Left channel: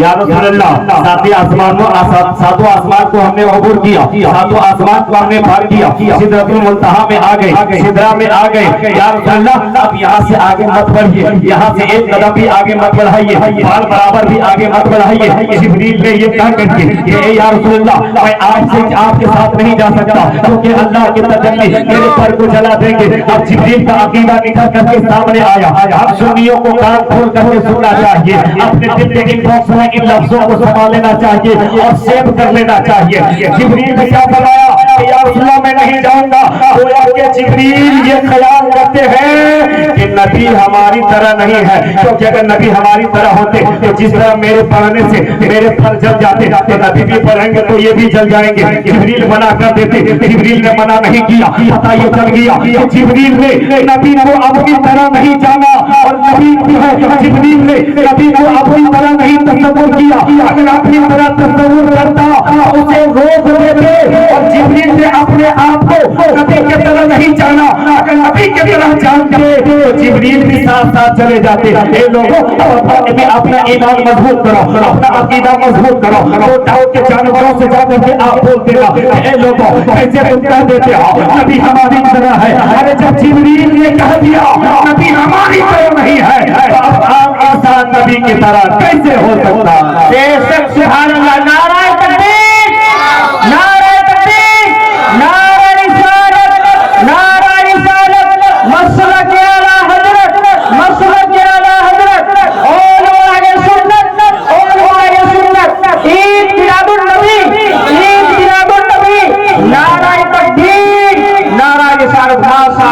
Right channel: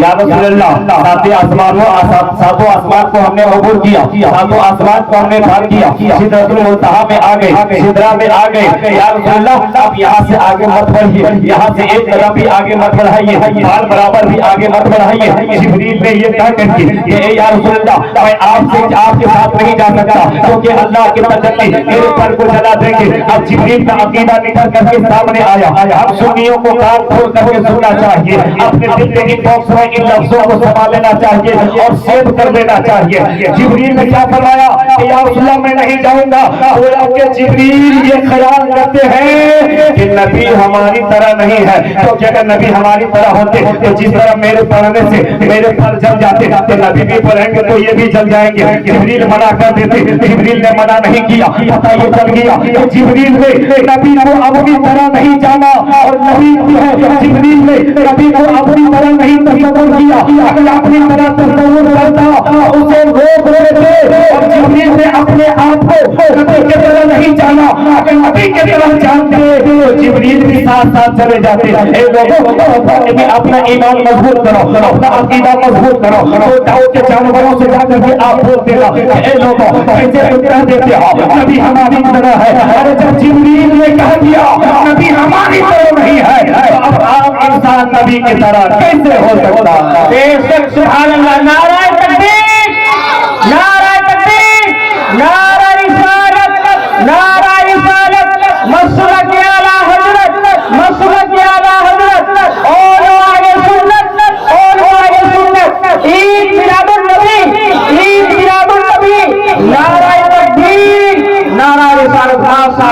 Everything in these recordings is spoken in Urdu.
یا رسول اللہ ساتوں آسمان کو ہم نے عبور کیا, ساتوں آسمان کو ہم نے پار کیا, سدرۃ المنتہا میں آ گئے, سدرہ میں آ گئے, یا رسول اللہ اب یہاں سے آگے مت بڑھیے, یہاں سے ایک قدم بھی آگے مت بڑھائیے, بال برابر بھی آگے مت بڑھائیے. جبریل نے یہ کہہ کر کے کہ اے یا رسول اللہ میں آج سے آپ کے ساتھ نہیں جا سکتا کیونکہ اللہ کی تجلی میرے پر کو جلا دیں گے. اب جبریل کا عقیدہ نکل کر کے سامنے آیا. ہم سنیوں کو کان کھول کر کے سننا چاہیے, اپنے دل کے ان باکس میں ان لفظوں کو سنبھال لینا چاہیے اور سیو کر لینا چاہیے. جبریل نے کیا فرمایا کہ یا رسول اللہ میں نہیں جاؤں گا. گویا کہ جبریل یہ خیال کرتے ہیں کہ نبی ہماری طرح نہیں ہے, کیونکہ اگر نبی ہماری طرح ہوتے تو جس طرح میرے پڑھنے سے میرے پر جل جاتے تو نبی بھی پڑھیں گے تو یہ بھی جل جائیں گے. جبریل منع کر دیتے, جبریل نے منع نہیں کیا. پتہ یہ چل گیا کہ جبریل نے نبی کو اپنی طرح نہیں جانا اور نبی بھی ہے جبریل نے نبی کو اپنی طرح نہیں تصور کیا. اگر اپنی طرح تصور کرتا اسے روک دیتے اور جبریل نے اپنے آپ کو نبی کی طرح نہیں جانا. اگر نبی کی طرح جانتے تو جبریل بھی ساتھ ساتھ چلے جاتے. اے لوگوں اپنا ایمان مضبوط کرو, اپنا عقیدہ مضبوط کرو. داؤد کے جانوروں سے جا کر کے آپ بولتے گا اے لوگوں ایسے تم کہہ دیتے ہو نبی ہماری طرح ہے. ارے جب جبریل نے کہہ دیا نبی ہماری طرح نہیں ہے تو اب عام انسان نبی کی طرح کیسے ہو سکتا ہے؟ بے شک سبحان اللہ. نعرہ تکبیر, نعرہ تکبیر, نعرہ رسالت, نعرہ رسالت, مسلک اعلیٰ حضرت, مسلک اعلیٰ حضرت, علماء سنت, علماء سنت, عید میلاد النبی, عید میلاد النبی, نعرہ تکبیر, نعرہ رسالت.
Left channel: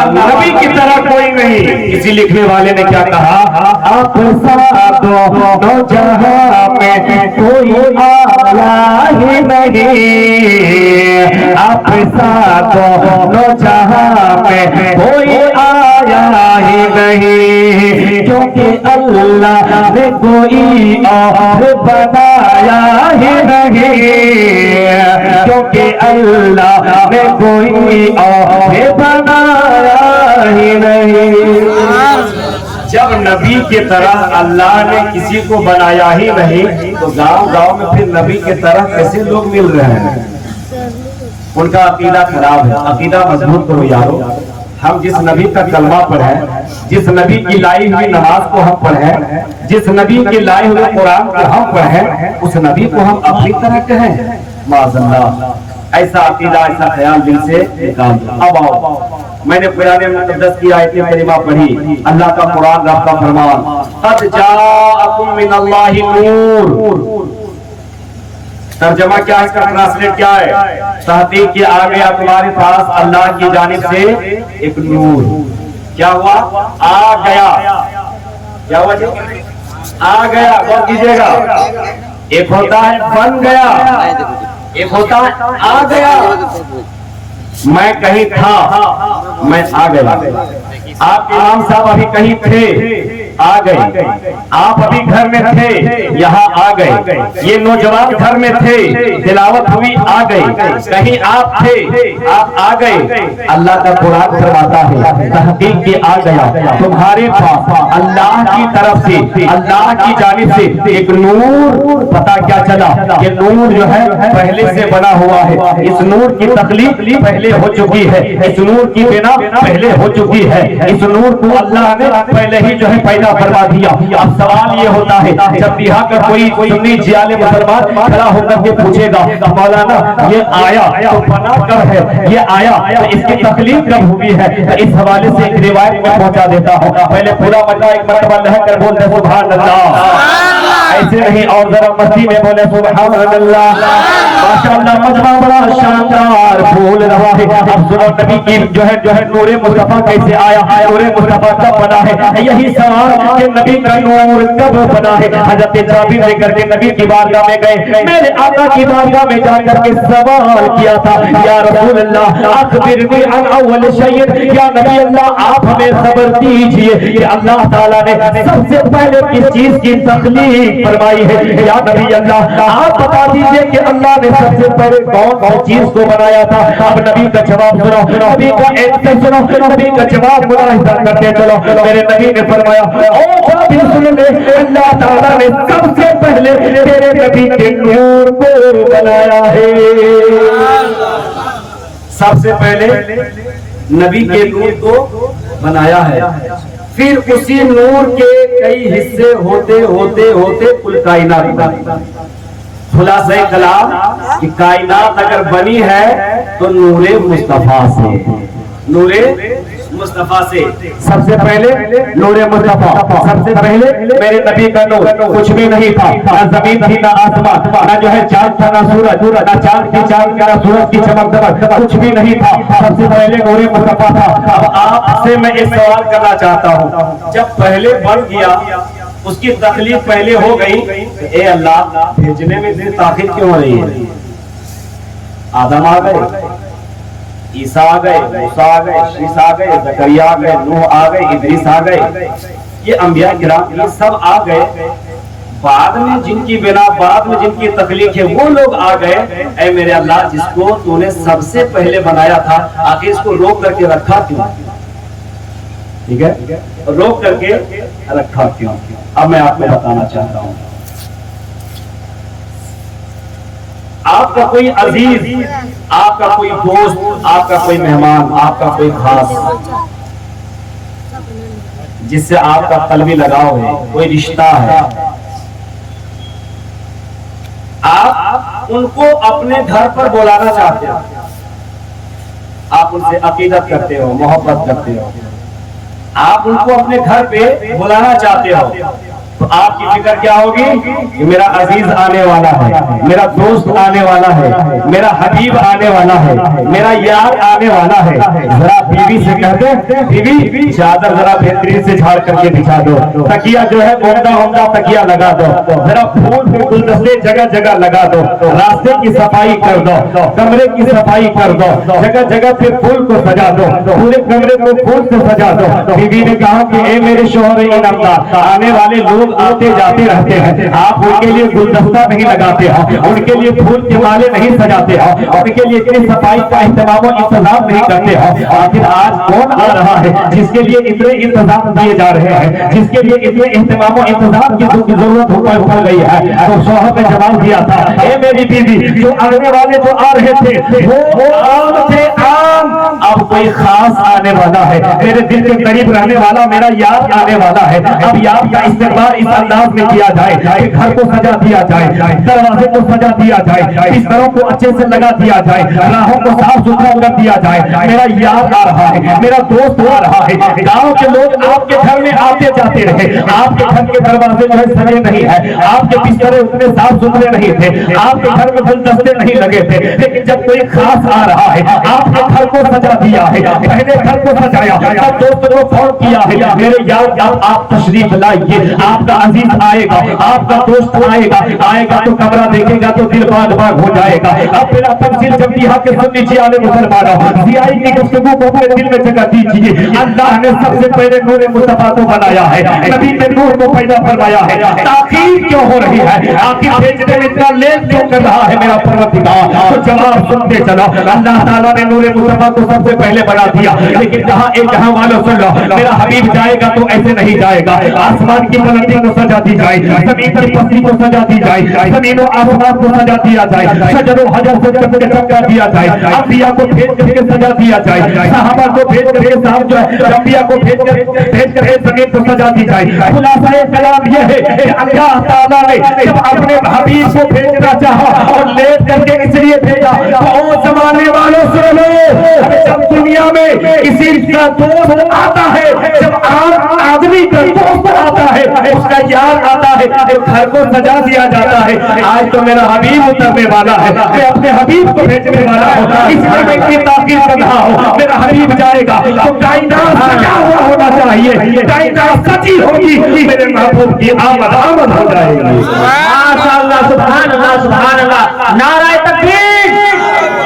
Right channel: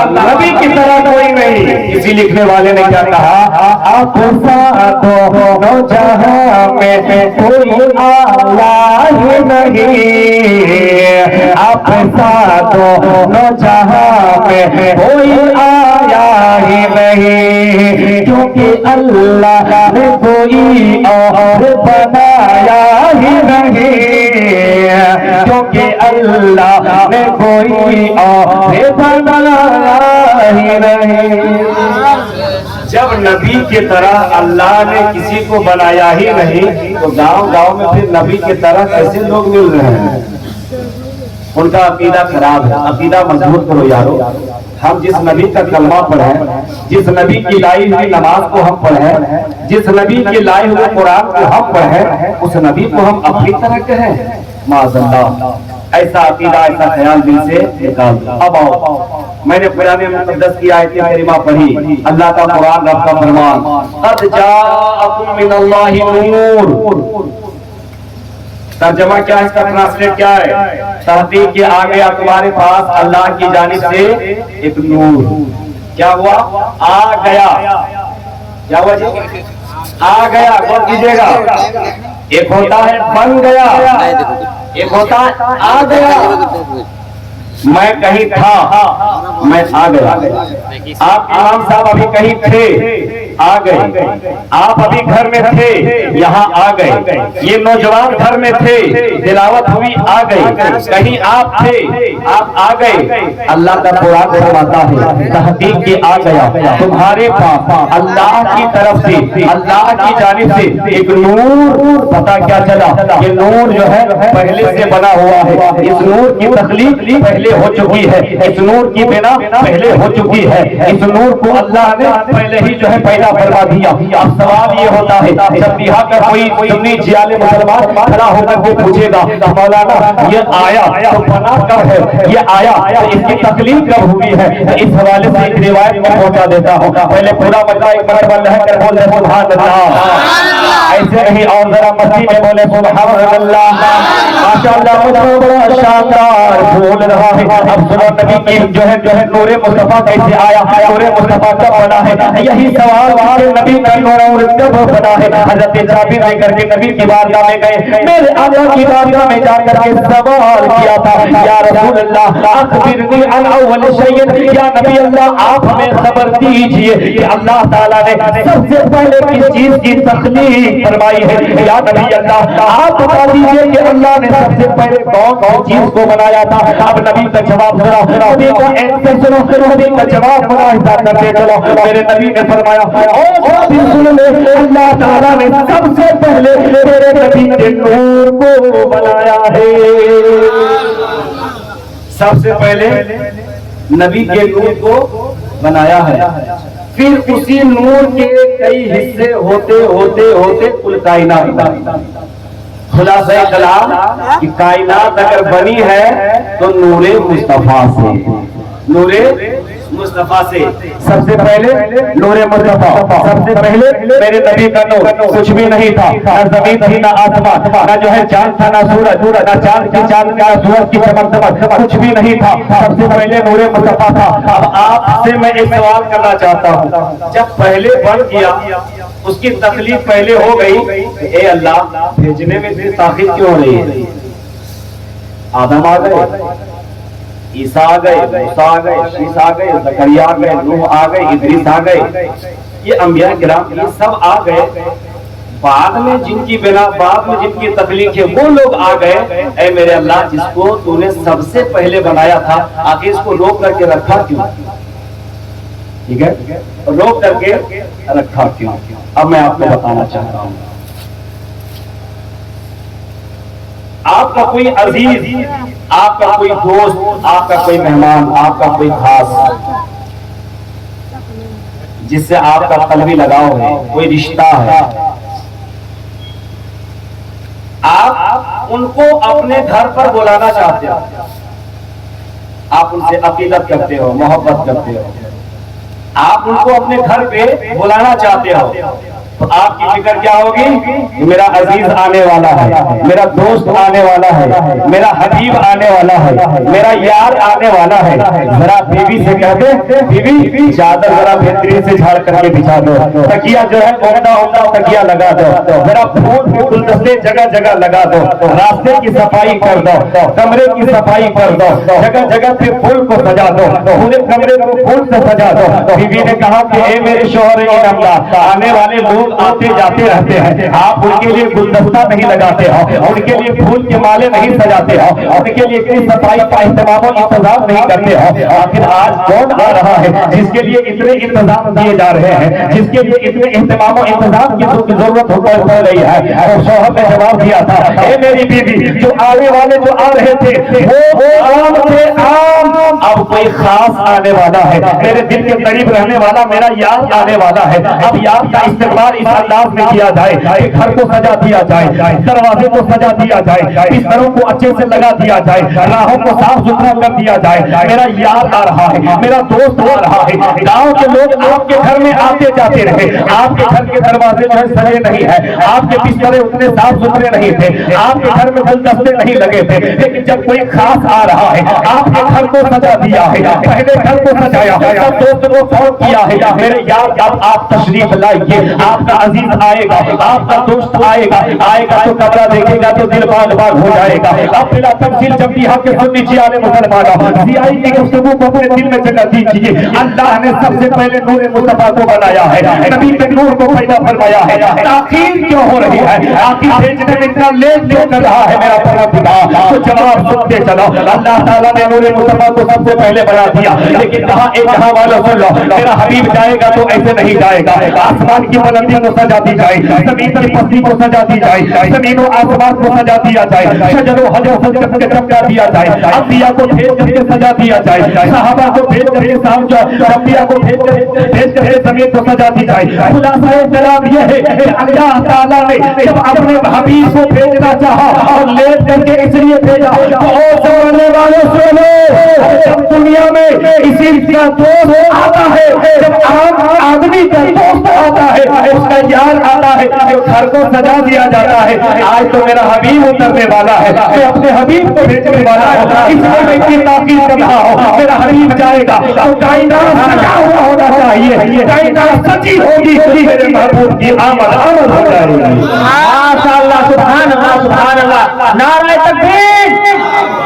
نبی کی طرح کوئی نہیں. کسی لکھنے والے نے کیا کہا, آپ ساتھوں جہاں میں کوئی آلہ ہی نہیں, آپ ساتھوں جہاں میں کوئی آیا ہی نہیں, کیونکہ اللہ نے کوئی اور بنایا ہی نہیں, کیونکہ اللہ نے کوئی اور بنایا ہی نہیں. جب نبی کی طرح اللہ نے کسی کو بنایا ہی نہیں تو گاؤں گاؤں میں پھر نبی کی طرح کیسے لوگ مل رہے ہیں؟ ان کا عقیدہ خراب ہے. عقیدہ مضبوط کرو یارو. ہم جس نبی کا کلمہ پڑھیں, جس نبی کی لائی ہوئی نماز کو ہم پڑھیں, جس نبی کے لائے ہوئے قرآن کو ہم پڑھیں, اس نبی کو ہم اپنی طرح کہیں. معاذ اللہ, ایسا عقیدہ ایسا خیال دل سے نکال دو. اب آؤ, میں نے قرآن مقدس کی آیت کریمہ پڑھی. اللہ کا قرآن, رب کا فرمان, قد جاءکم من اللہ نور. ترجمہ کیا ہے اس کا, ٹرانسلیٹ کیا ہے, تحقیق کہ آ گیا تمہارے پاس اللہ کی جانب سے ایک نور. کیا ہوا؟ آ گیا. کیا ہوا جی؟ آ گیا. غور کیجئے گا, ایک ہوتا ہے بن گیا, ایک ہوتا ہے آ گیا. میں کہیں تھا, میں آ گیا. آپ امام صاحب ابھی کہیں تھے, آ گئے. آپ ابھی گھر میں تھے, یہاں آ گئے. یہ نوجوان گھر میں تھے, تلاوت ہوئی, آ گئے. کہیں آپ تھے, آپ آ گئے. اللہ کا قرآن فرماتا ہے تحقیق کہ آ گیا تمہارے پاس اللہ کی طرف سے, اللہ کی جانب سے ایک نور. پتہ کیا چلا کہ نور جو ہے پہلے سے بنا ہوا ہے. اس نور کی تخلیق پہلے ہو چکی ہے, اس نور کی بنا پہلے ہو چکی ہے. اس نور کو اللہ نے پہلے ہی جو ہے پیدا فرما دیا. اب سوال یہ ہوتا ہے جب یہاں کا کوئی سنی جیال مسلمان کھڑا ہو کر کے پوچھے گا مولانا یہ آیا تو بنا کب ہے, یہ آیا تو اس کی تخلیق کب ہوئی ہے, اس حوالے سے ایک روایت میں پہنچا دیتا ہوں. پہلے پورا بچہ ایک مرتبہ لہر کر بولتے سبحان اللہ, ایسے نہیں اور ذرا مستی میں بولے سبحان اللہ. ماشاءاللہ مجمع بڑا شاندار پھول رہا ہے. اب سنو نبی کی جو ہے نور مصطفیٰ کیسے آیا, نور مصطفیٰ کب بنا ہے, یہی سوال کہ نبی کا نور کب بنا ہے. حضرت جابر لے کر کے نبی کی بارگاہ میں گئے, میرے آقا کی بارگاہ میں جا کر کے سوال کیا تھا یا رسول اللہ اخبرنی عن اول شیء, یا نبی اللہ آپ ہمیں خبر دیجئے کہ اللہ تعالیٰ نے سب سے پہلے کس چیز کی تخلیق فرمائی ہے. یا نبی اللہ آپ بتا دیجئے کہ اللہ نے نے سب سے پہلے کون سی چیز کو بنایا تھا؟ اب نبی کا جواب سنو، نبی کا ایڈریس سنو، نبی کا جواب ملاحظہ کرتے چلو۔ میرے نبی نے فرمایا سن لے، اللہ تعالیٰ نے سب سے پہلے تیرے نبی کے نور کو بنایا ہے۔ سب سے پہلے نبی کے نور کو بنایا ہے، پھر اسی نور کے کئی حصے ہوتے ہوتے ہوتے کل کائنات۔ خلاصہ کلام کہ کائنات اگر بنی ہے تو نور مصطفیٰ سے، نور مصطفیٰ سے۔ سب سے پہلے نور مصطفیٰ، سب سے پہلے میرے نبی کا نور، کچھ بھی نہیں تھا، نہ زمین تھی نہ آسمان، نہ جو ہے چاند تھا نہ سورج، نہ چاند کی چاند نہ سورج کی چمک دمک، کچھ بھی نہیں تھا، سب سے پہلے نور مصطفیٰ تھا۔ اب آپ سے میں ایک سوال کرنا چاہتا ہوں، جب پہلے بن گیا، اس کی تخلیق پہلے ہو گئی، اے اللہ بھیجنے میں اتنی تاخیر کیوں ہو رہی ہے؟ آدم آ گئے، عیسیٰ آ گئے، موسیٰ آ گئے، شیس آ گئے، زکریا آ گئے، نوح آ گئے، ادریس آ گئے، یہ انبیاء کرام یہ سب آ گئے، بعد میں جن کی بنا، بعد میں جن کی تخلیق ہے وہ لوگ آ گئے۔ اے میرے اللہ جس کو تو نے سب سے پہلے بنایا تھا، آخر اس کو روک کر کے رکھا کیوں؟ ٹھیک ہے، روک کر کے رکھا کیوں؟ اب میں آپ کو بتانا چاہتا ہوں، آپ کا کوئی عزیز، آپ کا کوئی دوست، آپ کا کوئی مہمان، آپ کا کوئی خاص جس سے آپ کا قلبی لگاؤ ہے، کوئی رشتہ ہے، آپ ان کو اپنے گھر پر بلانا چاہتے ہو، آپ ان سے عقیدت کرتے ہو، محبت کرتے ہو، آپ ان کو اپنے گھر پہ بلانا چاہتے ہو، تو آپ کی فکر کیا ہوگی؟ میرا عزیز آنے والا ہے، میرا دوست آنے والا ہے، میرا حبیب آنے والا ہے، میرا یار آنے والا ہے۔ ذرا بیوی سے کہتے بیوی چادر ذرا بہترین سے جھاڑ کر کے بچھا دو، تکیہ جو ہے عمدہ عمدہ تکیہ لگا دو، ذرا پھول پہ گلدستے جگہ جگہ لگا دو، راستے کی صفائی کر دو، کمرے کی صفائی کر دو، جگہ جگہ پہ پھول کو سجا دو، پورے کمرے کو پھول سے سجا دو۔ بیوی نے کہا کہ اے میرے شوہر انعامدار، آنے والے لوگ آتے جاتے رہتے ہیں، آپ ان کے لیے گلدستہ نہیں لگاتے ہو، ان کے لیے پھول کے مالے نہیں سجاتے ہو، ان کے لیے اتنی صفائی کا اہتمام و انتظام نہیں کرتے ہو۔ آخر آج کون آ رہا ہے جس کے لیے اتنے انتظام دیے جا رہے ہیں، جس کے لیے اتنے اہتمام و انتظام کی ضرورت پڑ رہی ہے؟ اور شوہر نے جواب دیا تھا، اے میری بیوی جو آنے والے جو آ رہے تھے وہ عام تھے، عام، اب کوئی خاص آنے والا ہے، میرے دل کے قریب رہنے والا میرا یار آنے والا ہے۔ اب یار کا استقبال اس انداز میں کیا جائے کہ گھر کو سجا دیا جائے، دروازے کو سجا دیا جائے، بستروں کو اچھے سے لگا دیا جائے، راہوں کو صاف ستھرا کر دیا جائے۔ میرا یار آ رہا ہے، میرا دوست آ رہا ہے، گاؤں کے لوگ آپ کے گھر میں آتے جاتے رہے، آپ کے گھر کے دروازے جو ہے سجے نہیں ہیں، آپ کے بسترے اتنے صاف ستھرے نہیں تھے، آپ کے گھر میں گلدستے نہیں لگے تھے، لیکن جب کوئی خاص آ رہا ہے آپ کے گھر کو سجا دیا ہے، پہلے گھر کو سجایا، سب دوست کو فون کیا ہے، میرے یار اب آپ تشریف لائیے، آپ کا عزیز آئے گا، آپ کا دوست آئے گا، آئے گا تو کمرہ دیکھے گا تو دل باغ باغ ہو جائے گا۔ اب بلا تفصیل جب یہاں کے سن لیجیے آلے مسلمانہ، زیائی کی گفتگو کو اپنے دل میں جگہ دیجیے۔ اللہ نے سب سے پہلے نور مصطفیٰ کو بنایا ہے، نبی کے نور کو پیدا فرمایا ہے، تاخیر کیوں ہو رہی ہے؟ آخر بھیجنے میں اتنا لیٹ کیوں کر رہا ہے میرا پروردگار؟ تو جواب سنتے چلو، اللہ تعالیٰ نے نور مصطفیٰ کو سب سے پہلے بنا دیا، لیکن جہاں ایک جہاں والوں سن لو، میرا حبیب جائے گا تو ایسے نہیں جائے گا، آسمان کی بلندی کو سجا دی جائے، زمین کی پستی کو سجا دی جائے، زمین و آسمان کو سجا دیا جائے، شجر و حجر سجا کر کے چمکا دیا جائے، انبیاء کو بھیج کر کے سجا دیا جائے، صحابہ کو بھیج کر کے انبیاء کو بھیج کر کے زمین کو سجا دی جائے۔ خلاصہ کلام یہ ہے کہ اللہ تعالیٰ نے جب اپنے حبیب کو بھیجنا چاہا اور لے کر کے اس لیے بھیجا تو او زمانے والوں سنو، جب دنیا میں کسی کا دوست آتا ہے، جب عام آدمی کا دوست آتا ہے، اس کا یار آتا ہے، جو گھر کو سجا دیا جاتا ہے۔ آج تو میرا حبیب اترنے والا ہے، میں اپنے حبیب کو بھیجنے والا ہوں، اس لیے کی تاکید کر رہا ہوں، میرا حبیب جائے گا تو کائنات سجا ہوا ہونا چاہیے، کائنات سچی ہوگی، میرے محبوب کی آمد ہو جائے گی۔ ماشاءاللہ، سبحان اللہ، سبحان اللہ، نعرہ تکبیر،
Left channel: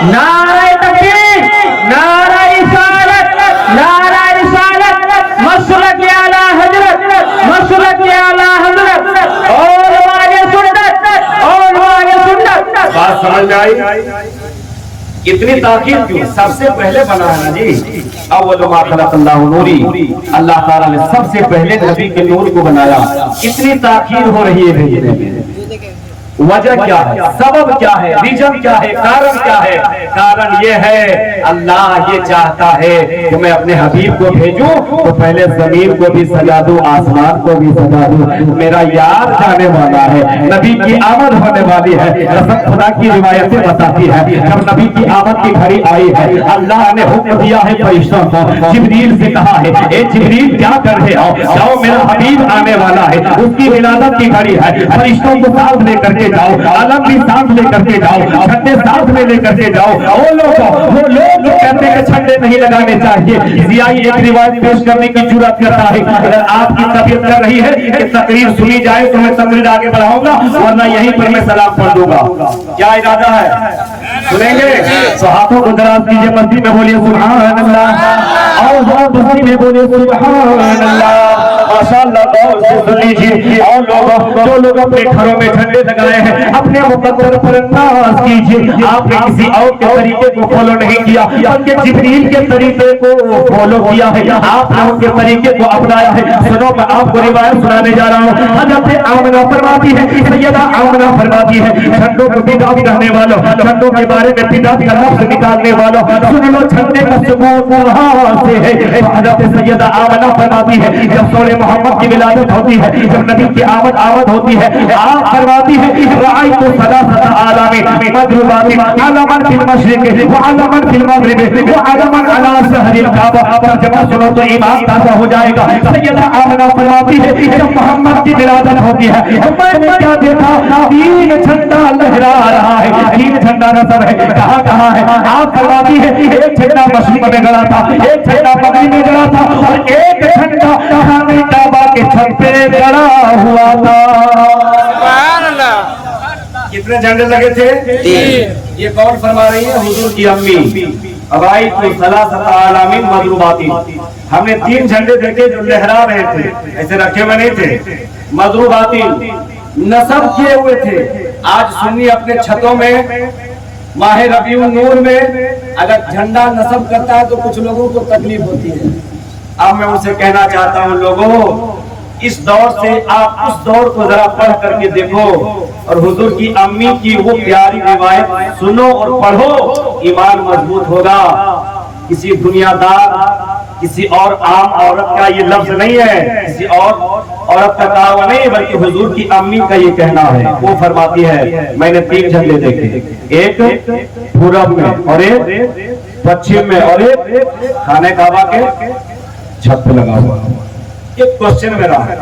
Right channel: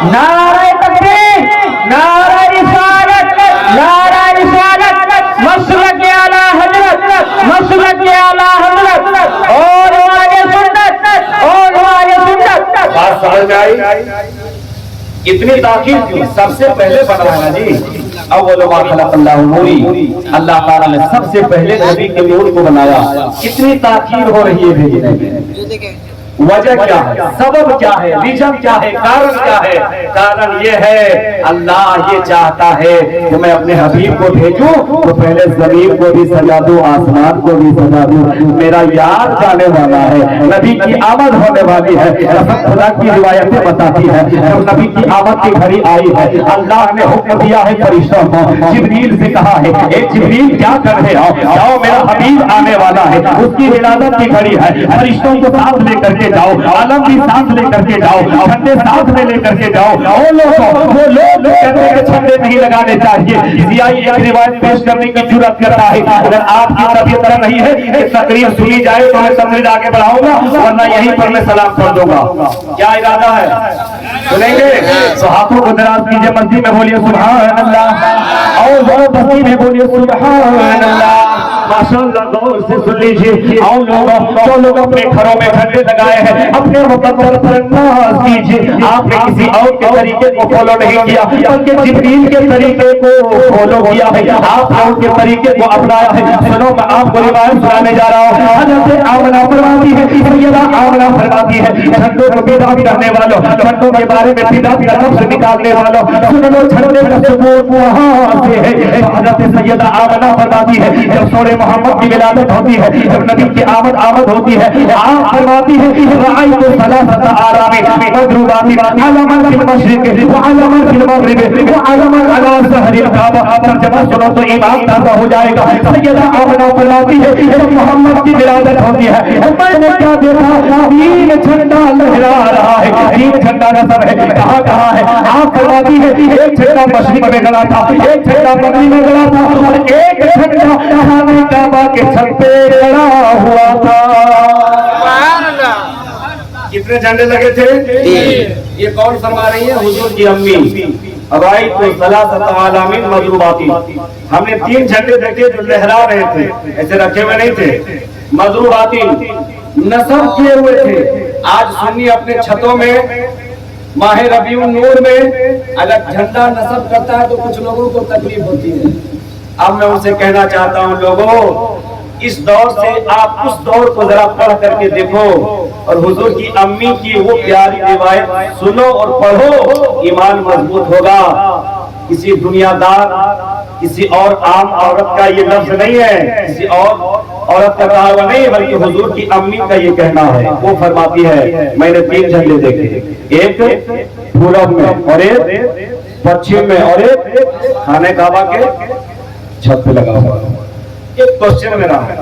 نعرہ تکبیر، نعرہ رسالت، نعرہ رسالت، مسلک اعلیٰ حضرت، مسلک اعلیٰ حضرت، اور والے سنت، اور والے سنت۔ بات سمجھ سمجھ میں آئی؟ اتنی تاخیر کیوں؟ سب سے پہلے بنا ہے نا جی، اول ما خلق اللہ نوری، اللہ تعالیٰ نے سب سے پہلے نبی کے نور کو بنایا. اتنی تاخیر ہو رہی ہے بھیجنے میں، وجہ کیا ہے، سبب کیا ہے، ریزن کیا ہے، کارن کیا ہے؟ کارن یہ ہے اللہ یہ چاہتا ہے کہ میں اپنے حبیب کو بھیجوں تو پہلے زمین کو بھی سجا دوں، آسمان کو بھی سجا دوں. میرا یار جانے والا ہے، نبی کی آمد ہونے والی ہے. خدا کی روایتیں بتاتی ہے جب نبی کی آمد کی گھڑی آئی ہے اللہ نے حکم دیا ہے فرشتوں کو، جبریل سے کہا ہے اے جبریل کیا کر رہے ہو، جاؤ میرا حبیب آنے والا ہے، اس کی ولادت کی گھڑی ہے، فرشتوں کو ساتھ لے کر کے جاؤ، عالم بھی ساتھ لے کر کے جاؤ، جھنڈے ساتھ میں لے کر کے جاؤ. وہ لوگ کہتے ہیں کہ جھنڈے نہیں لگانے چاہیے. ضیائی ایک روایت پیش کرنے کی جرات کرتا ہے، اگر آپ کی طبیعت کر رہی ہے کہ تقریر سنی جائے تو میں تقریر آگے بڑھاؤں گا، ورنہ یہیں پر میں سلام پڑھ دوں گا. کیا ارادہ ہے؟ سنیں گے تو ہاتھوں کو دراز کیجیے، مسجد میں بولیے سبحان اللہ، اور مسجد میں بولیے سبحان اللہ. ماشاءاللہ غور سے سن لیجیے. اور جو لوگ اپنے گھروں میں جھنڈے لگائے ہیں اپنے مقدر پر ناز کیجیے. آپ نے کسی اور کے طریقے کو فالو نہیں کیا بلکہ جبریل کے طریقے کو فالو کیا ہے، آپ نے ان کے طریقے کو اپنایا ہے. سنو میں آپ کو روایت سنانے جا رہا ہوں. حضرت آمنہ فرماتی ہے، سیدہ آمنہ فرماتی ہے، جھنڈوں کو بدعت کہنے والوں، جھنڈوں کے بارے میں بدعت کا لفظ نکالنے والوں، سن لو جھنڈے کا ثبوت وہاں سے ہے. حضرت سیدہ آمنہ فرماتی ہے جب سورہ محمد کی ولادت ہوتی ہے، جب نبی کی آمد ہوتی ہے، آپ فرماتی ہے رأیت ثلاثة آلام مضروبات علما فی المشرق وعلما فی المغرب وعلما علی ظہر الکعبہ. جب سنو تو ایمان تازہ ہو جائے گا. سیدہ آمنہ فرماتی ہے جب محمد کی ولادت ہوتی ہے میں نے کیا دیکھا، تین جھنڈا لہرا رہا ہے، تین جھنڈا نظر ہے. کہاں کہاں ہے؟ آپ فرماتی ہے ایک جھنڈا مشرق میں گڑا تھا، ایک جھنڈا مغرب میں گڑا تھا، اور ایک جھنڈا خانہ کعبہ کے چھت پہ گڑا ہوا تھا. کتنے جھنڈے لگے تھے؟ یہ کون فرما رہی ہے؟ حضور کی امی. ابائی تو ثلاثۃ اعلام مضروبات، ہم نے تین جھنڈے دیکھے جو لہرا رہے تھے، ایسے رکھے ہوئے نہیں تھے، مضروبات نصب کیے ہوئے تھے. آج سنی اپنے چھتوں میں ماہ ربیع النور میں اگر جھنڈا نصب کرتا ہے تو کچھ لوگوں کو تکلیف ہوتی ہے. اب میں اسے کہنا چاہتا ہوں لوگوں اس دور سے آپ اس دور کو ذرا پڑھ کر کے دیکھو اور حضور کی امی کی وہ پیاری روایت سنو اور پڑھو، ایمان مضبوط ہوگا. کسی دنیا دار کسی اور عام عورت کا یہ لفظ نہیں ہے، کسی اور عورت کا کہا ہوا نہیں، بلکہ حضور کی امی کا یہ کہنا ہے. وہ فرماتی ہے میں نے تین جھنڈے دیکھے، ایک پورب میں اور ایک پچھم میں اور ایک خانہ کعبہ کے چھت پہ لگا ہوا. ایک کوشچن میرا ہے،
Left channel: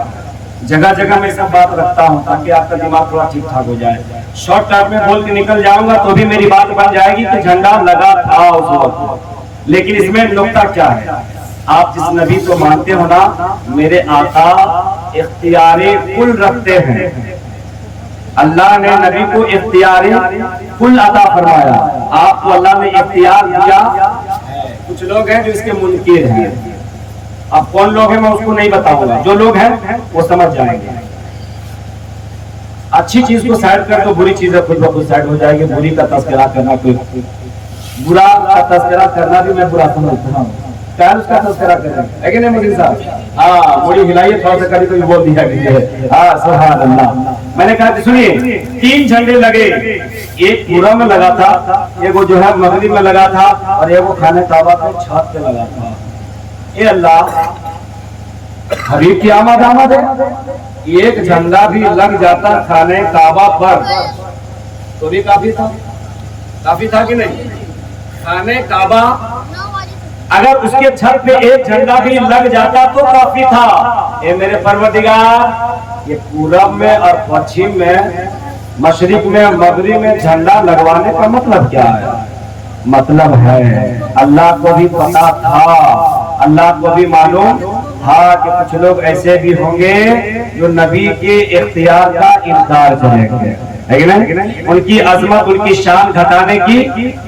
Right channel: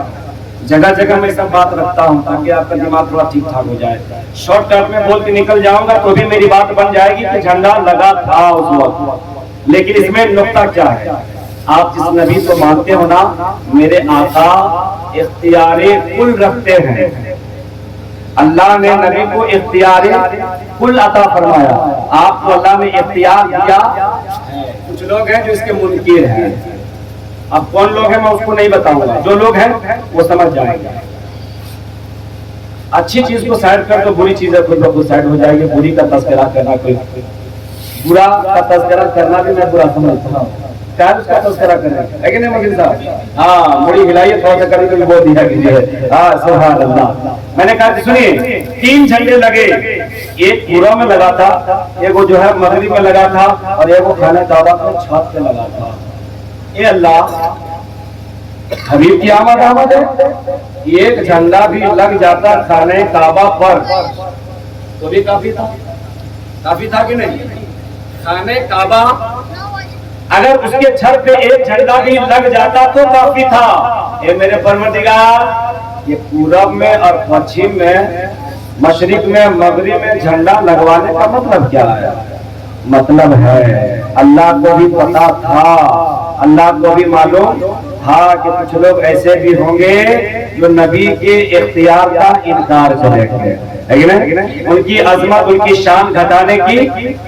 جگہ جگہ میں سب بات رکھتا ہوں تاکہ آپ کا دماغ تھوڑا ٹھیک ٹھاک ہو جائے. شارٹ کٹ میں بول کے نکل جاؤں گا تو بھی میری بات بن جائے گی کہ جھنڈا لگا تھا اس وقت، لیکن اس میں نقطہ کیا ہے؟ آپ جس نبی کو مانتے ہو نا، میرے آقا اختیار کل رکھتے ہیں. اللہ نے نبی کو اختیار کل عطا فرمایا، آپ کو اللہ نے اختیار دیا. کچھ لوگ ہیں جو اس کے منکر ہیں، اب کون لوگ ہیں میں اس کو نہیں بتاؤں گا، جو لوگ ہیں وہ سمجھ جائیں گے. اچھی چیز کو سائڈ کر تو بری چیزیں خود بخود سائڈ ہو جائے گی. بری کا تذکرہ کرنا، کوئی برا کا تذکرہ کرنا بھی میں برا سمجھتا ہوں. کیا اس کا تذکرہ کرنا ہے کہ نہیں مجھے صاحب؟ ہاں مڑی ہلائیے تھوڑا سا کری تو بول دیا کیجیے. ہاں سبحان اللہ. میں نے کہا کہ سنیے تین جھنڈے لگے، ایک پورا میں لگا تھا، ایک وہ جو ہے مغرب میں لگا تھا، اور ایک وہ خانہ کعبہ کے چھت پہ لگا تھا. اے اللہ، حبیب کی آمد ہے، ایک جھنڈا بھی لگ جاتا خانہ کعبہ پر تو بھی کافی تھا. کافی تھا کہ نہیں؟ خانہ کعبہ اگر اس کے چھت پہ ایک جھنڈا بھی لگ جاتا تو کافی تھا. اے میرے پروردگار، یہ پورب میں اور پچھم میں، مشرق میں مغرب میں جھنڈا لگوانے کا مطلب کیا ہے؟ مطلب ہے اللہ کو بھی پتا تھا، اللہ کو بھی معلوم تھا کہ کچھ لوگ ایسے بھی ہوں گے جو نبی کے اختیار کا انکار کریں گے. ہے کہ نہیں؟ ان کی عظمت ان کی شان گھٹانے کی